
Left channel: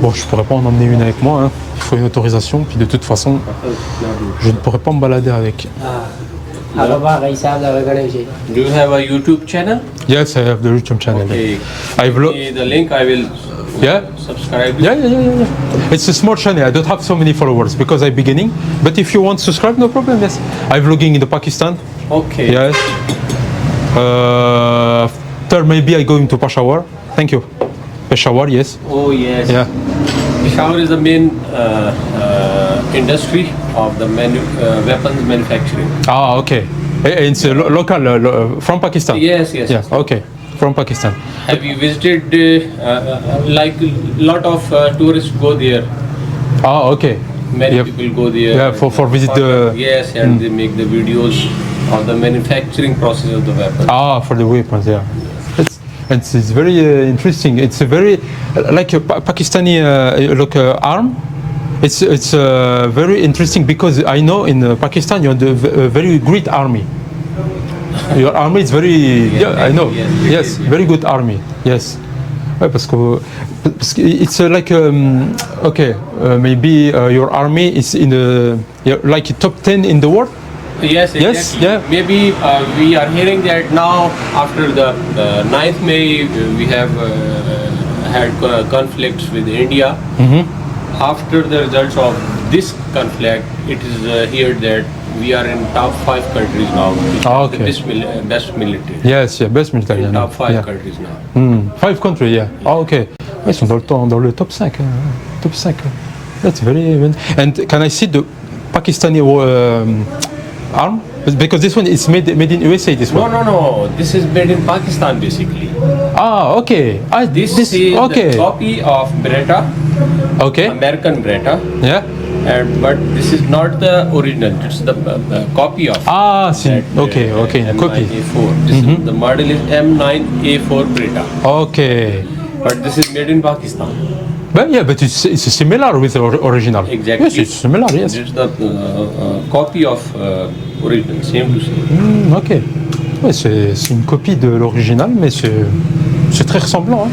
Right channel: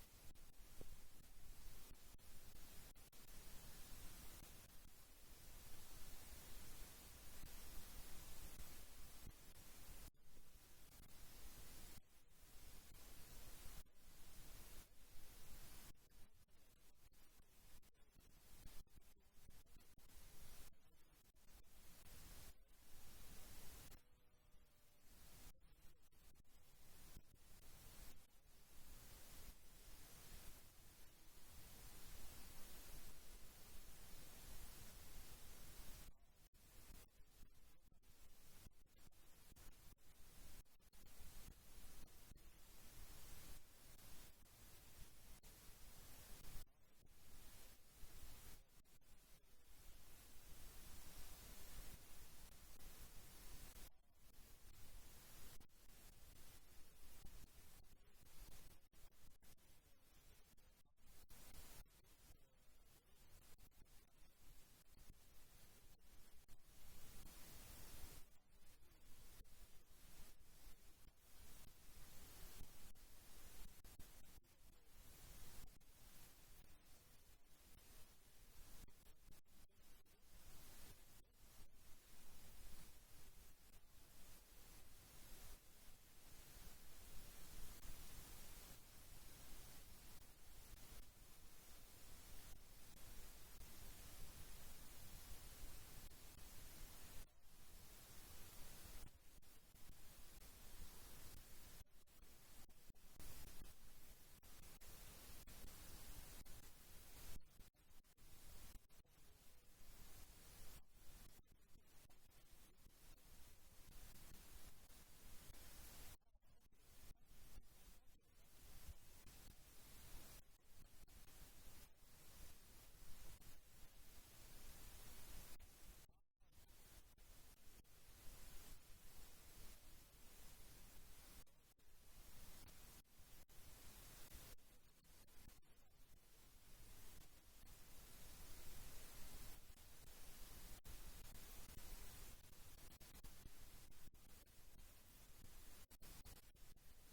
Bon, je pourrais pas en emmener une avec moi, hein. Il faut une autorisation, puis de toute façon, je ne pourrais pas me balader avec. Do you have a YouTube channel? Yes, I have the YouTube channel. Okay. I vlog. The link I will Yeah? subscribe. Yeah. It's a small channel. I don't have so many followers because I'm beginning. But if you want to subscribe, no problem. Yes. I'm vlogging in the Pakistan. Okay. Yes. Third, maybe I go into Peshawar. Thank you. Peshawar, yes. Oh yes. Yeah. Peshawar is the main industry of the weapons manufacturing. Ah, okay. It's local from Pakistan. Yes. Yeah. Okay. From Pakistan. Have you visited? Like a lot of tourists go there. Ah, okay. Many Yep. people go there. Yeah, for visit the. Yes, and they make the videos of the manufacturing process of the weapon. Ah, for the weapons, yeah. It's very interesting. It's a very like a Pakistani arm. It's very interesting because I know in Pakistan you have a very great army. Your army is very I know. Yes, very good army. Yes. Ouais, parce que it's like maybe your army is in like top 10 in the world. Yes, exactly. Yes, yeah. Maybe we are hearing that now after the 9th May we have had conflicts with India. Mm-hmm. After the results of this conflict, it is heard that we are in top 5 countries now. Okay. The best military. Yes, yeah, best military. In top 5 yeah. countries now. 5 countries, yeah. Ah, okay. Ils sont dans le top 5. Top 5. That's very... And can I see the Pakistani arm? Because this one is made in USA, this one. No. This is made in Pakistan basically. Ah, okay. This is okay. the copy of Beretta. Okay. American Beretta. Yeah. But this is not the original. It's the copy of. Ah, see. Okay. Copy. M9A4. This is, the model is M9A4 Beretta. Okay. But this is made in Pakistan. But it's similar with the original. Exactly. Yes, it's similar. Yes. It's the copy of original, same to same. Ok. Ouais, c'est une copie de l'original, mais c'est très ressemblant. Hein.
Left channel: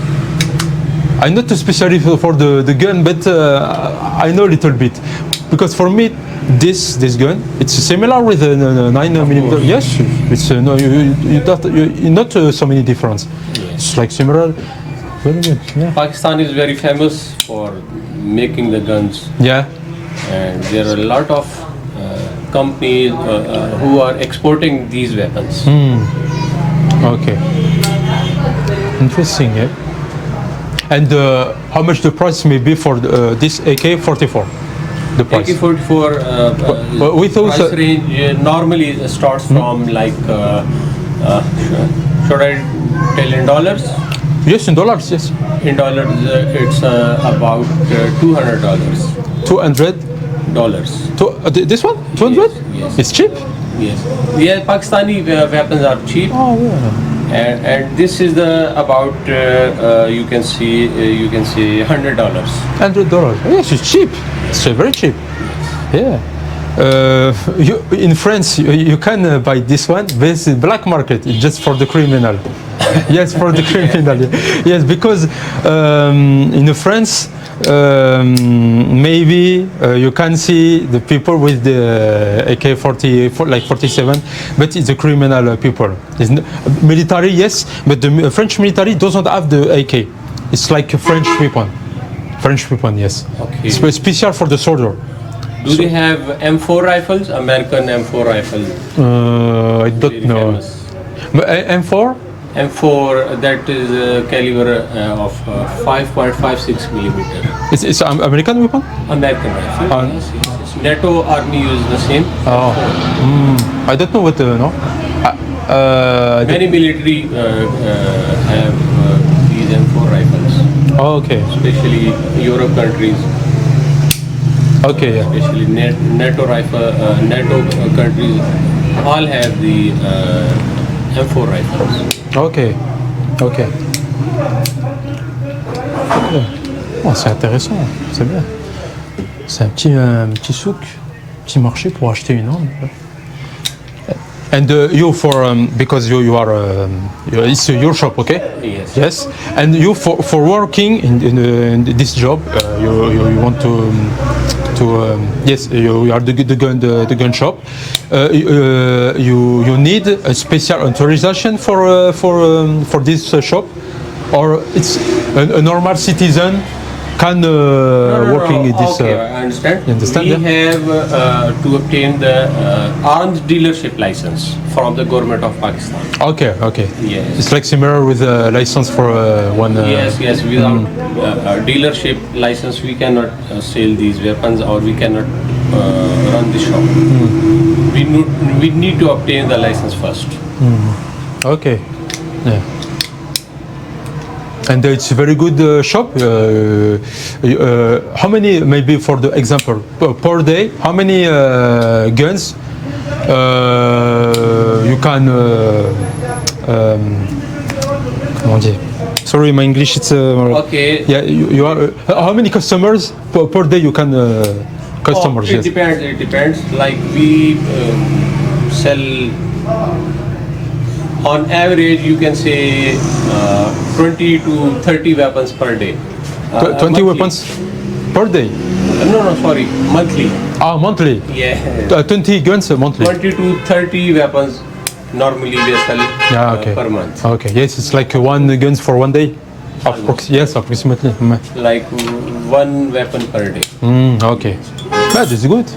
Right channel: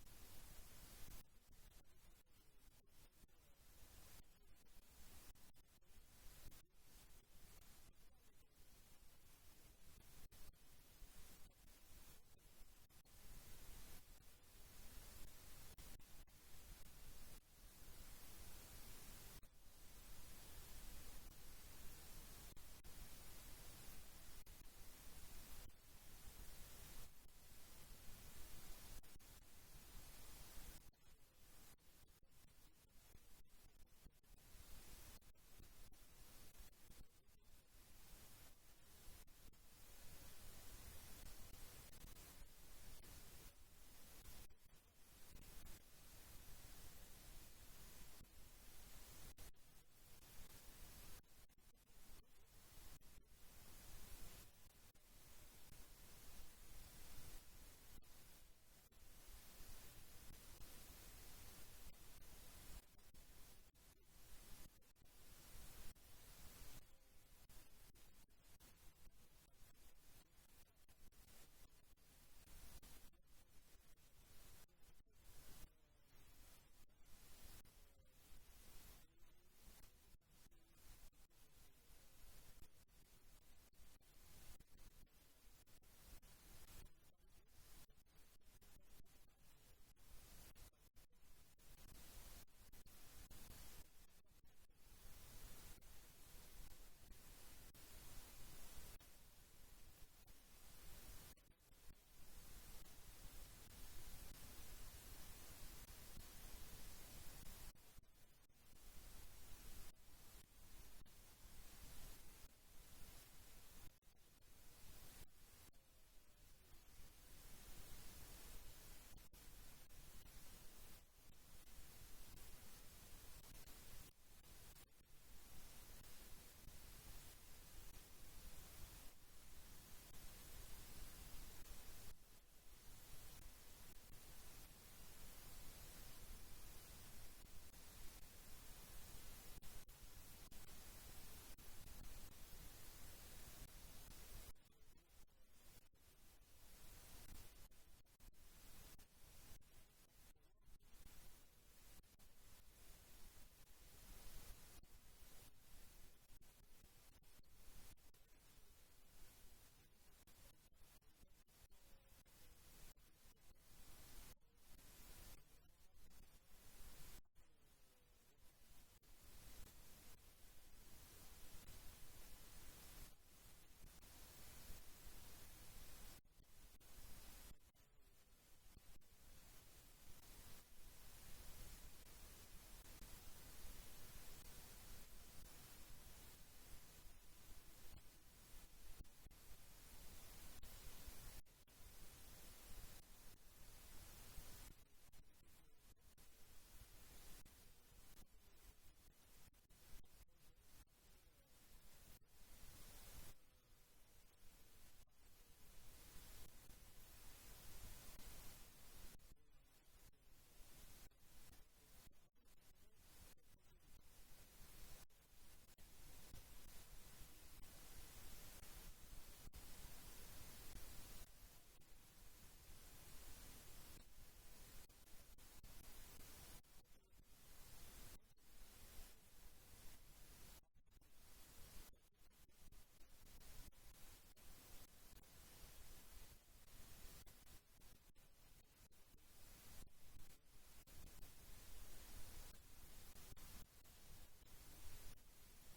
I'm not a specialist for the gun, but I know a little bit. Because for me, this gun, it's similar with the 9mm. Yes, it's not so many difference. Yes. It's like similar. Very good. Yeah. Pakistan is very famous for making the guns. Yeah. And there are a lot of companies who are exporting these weapons. Okay. Interesting, yeah. And how much the price may be for this AK-44? The price. AK-44 with also, price range normally starts from like, should I tell in dollars? Yes, in dollars, yes. In dollars, it's about $200. $200? This one? 200? Yes. It's cheap? Yes. Yeah, Pakistani weapons are cheap. Oh, yeah. And this is the about you can see $100. $100. Yes, it's cheap. It's very cheap. Yeah. In France, you can buy this one, but it's black market. It's just for the criminal. Yes, for the criminal. Yes, because in France, maybe you can see the people with the AK-40, like 47, but it's the criminal people. It's military, yes, but the French military doesn't have the AK. It's like a French weapon. French weapon, yes. Okay. It's special for the soldier. Do they have M4 rifles? American M4 rifles. I don't know. But M4? M4, that is a caliber of 5.56 millimeter. It's an American weapon? American rifle. Yes. NATO army uses the same. Oh. I don't know what no. Many military have these M4 rifles. Oh, okay. Especially Europe countries. Okay, yeah. Especially NATO countries all have the M4 rifles. Ok, ok. Oh, c'est intéressant, c'est bien. C'est un petit souk, petit marché pour acheter une arme. And you for because you are it's your shop, okay? Yes. Yes. And you for working in this job, you want to yes, you are the gun shop. You need a special authorization for this shop, or it's a normal citizen can working in this. Okay, I understand. You understand? We have to obtain the arms dealership license from the government of Pakistan. Okay, okay. Yes. It's like similar with a license for one. Yes. Without a dealership license, we cannot sell these weapons, or we cannot run the shop. We need to obtain the license first. Okay. Yeah. And it's a very good shop. How many, maybe for the example, per day, how many guns you can, comment dire? Sorry, my English it's... Okay. Yeah, you are, how many customers per day you can, customers? It depends. Like we sell, on average, you can say 20 to 30 weapons per day. 20 monthly. weapons per day? No, sorry, monthly. Ah, monthly? Yeah. 20 guns monthly? 20 to 30 weapons normally we sell per month. Okay, yes, it's like one guns for one day? Yes, approximately. Like one weapon per day. Okay. That is good.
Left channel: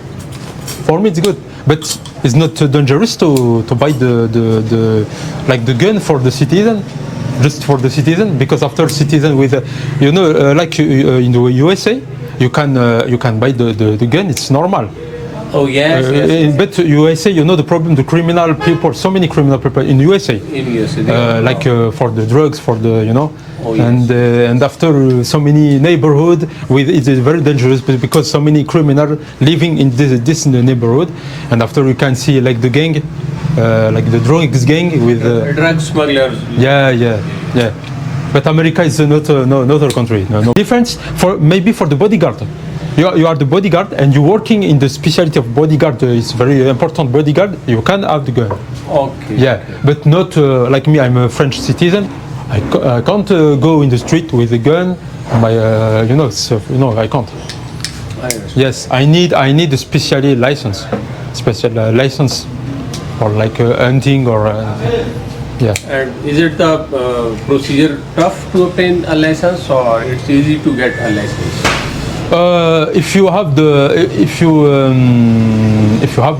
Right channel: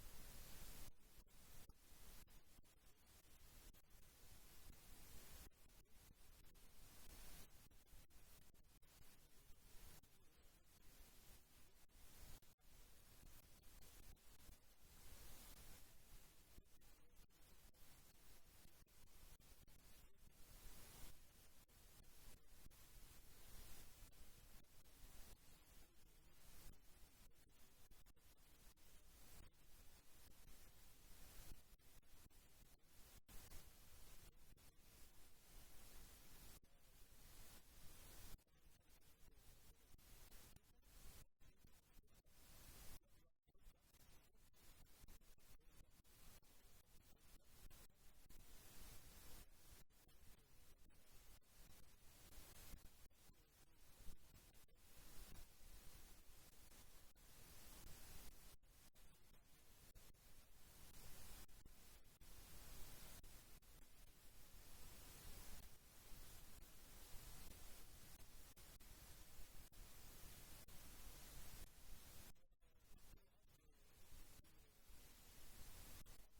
For me it's good. But it's not dangerous to buy the gun for the citizen, just for the citizen, because after citizen with like in the USA, you can buy the gun. It's normal. Oh yes. But USA, the problem, the criminal people, so many criminal people in USA. In USA. Like for the drugs, for the Oh, yes. And after so many neighborhood, it's very dangerous because so many criminals living in this neighborhood, and after you can see like the gang, like the drugs gang with drug smugglers. Yeah. But America is not another country. No difference maybe for the bodyguard. You are the bodyguard and you're working in the specialty of bodyguard. It's very important bodyguard. You can have the gun. Okay. Yeah, but not like me. I'm a French citizen. I can't go in the street with a gun. I can't. Yes, I need a special license for like hunting or yeah. And is it the procedure tough to obtain a license, or it's easy to get a license? If you have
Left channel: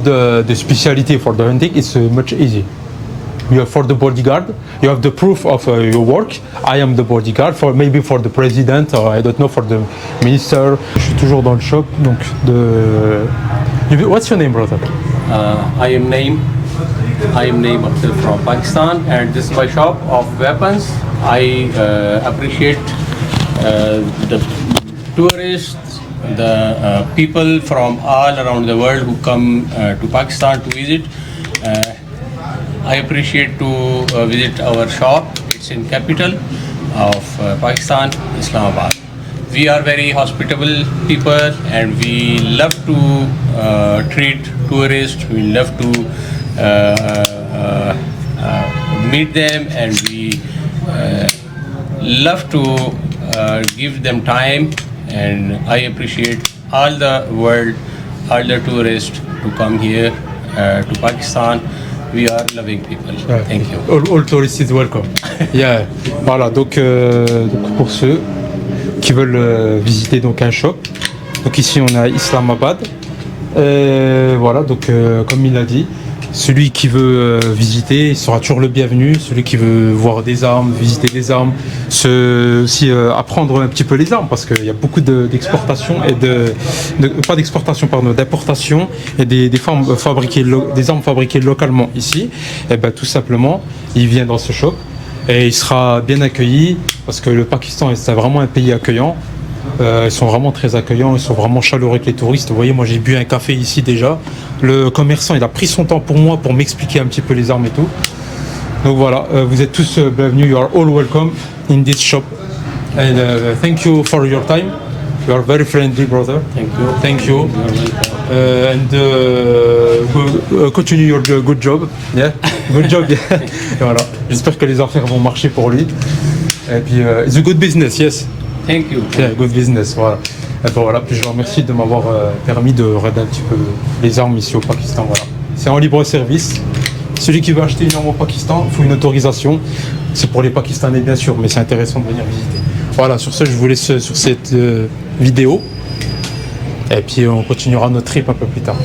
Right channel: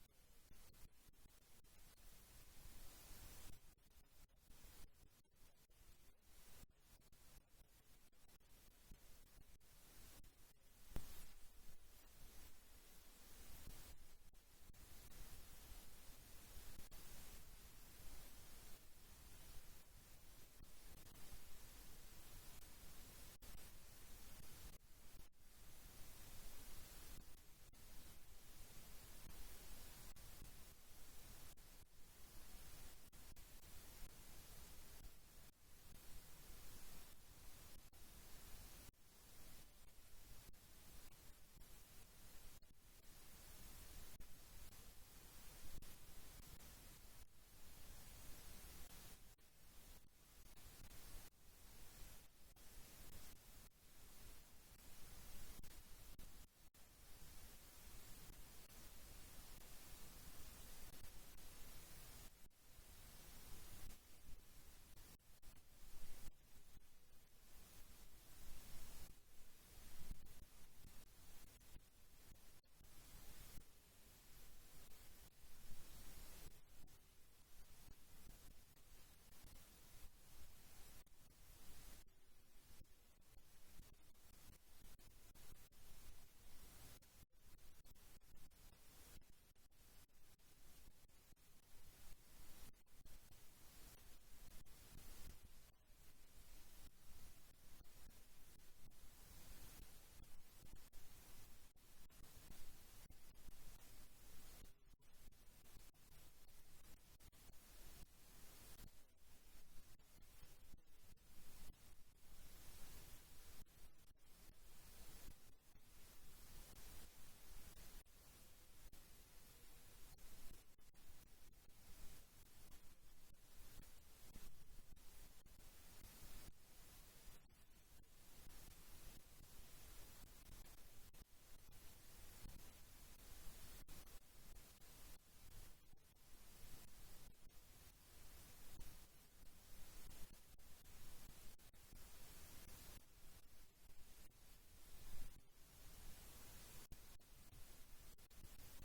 the specialty for the hunting, it's much easy. For the bodyguard, you have the proof of your work. I am the bodyguard maybe for the president, or I don't know, for the minister. Je suis toujours dans le shop, donc What's your name, brother? I am Naeem Akhtar from Pakistan, and this is my shop of weapons. I appreciate the tourists, the people from all around the world who come to Pakistan to visit. I appreciate to visit our shop. It's in capital of Pakistan, Islamabad. We are very hospitable people, and we love to treat tourists. We love to meet them, and we love to give them time. And I appreciate all the world, all the tourists to come here to Pakistan. We are loving people. Thank you. All tourists is welcome. Yeah. Voilà. Donc pour ceux qui veulent visiter donc un shop. Donc ici on a Islamabad. Et voilà, donc comme il a dit, celui qui veut visiter, il sera toujours le bienvenu. Celui qui veut voir des armes, visiter des armes, aussi apprendre un petit peu les armes, parce qu'il y a beaucoup d'exportation et pas d'exportation, pardon, d'importation et des armes fabriquées localement ici. Et ben tout simplement, il vient dans ce shop et il sera bien accueilli, parce que le Pakistan c'est vraiment un pays accueillant. Ils sont vraiment très accueillants, ils sont vraiment chaleureux avec les touristes. Vous voyez, moi j'ai bu un café ici déjà. Le commerçant, il a pris son temps pour moi pour m'expliquer un petit peu les armes et tout. Donc voilà, vous êtes tous bienvenus. You are all welcome in this shop. And thank you for your time. You are very friendly, brother. Thank you. Thank you. Continue your good job. Yeah, good job. Yeah. Et voilà. J'espère que les affaires vont marcher pour lui. Et puis, it's a good business, yes. Thank you. Yeah, good business, voilà. Et ben voilà, puis je vous remercie de m'avoir permis de regarder un petit peu les armes ici au Pakistan, voilà. C'est en libre service. Celui qui veut acheter une arme au Pakistan, il faut une autorisation. C'est pour les Pakistanais bien sûr, mais c'est intéressant de venir visiter. Voilà, sur ce, je vous laisse sur cette vidéo. Et puis on continuera notre trip un peu plus tard.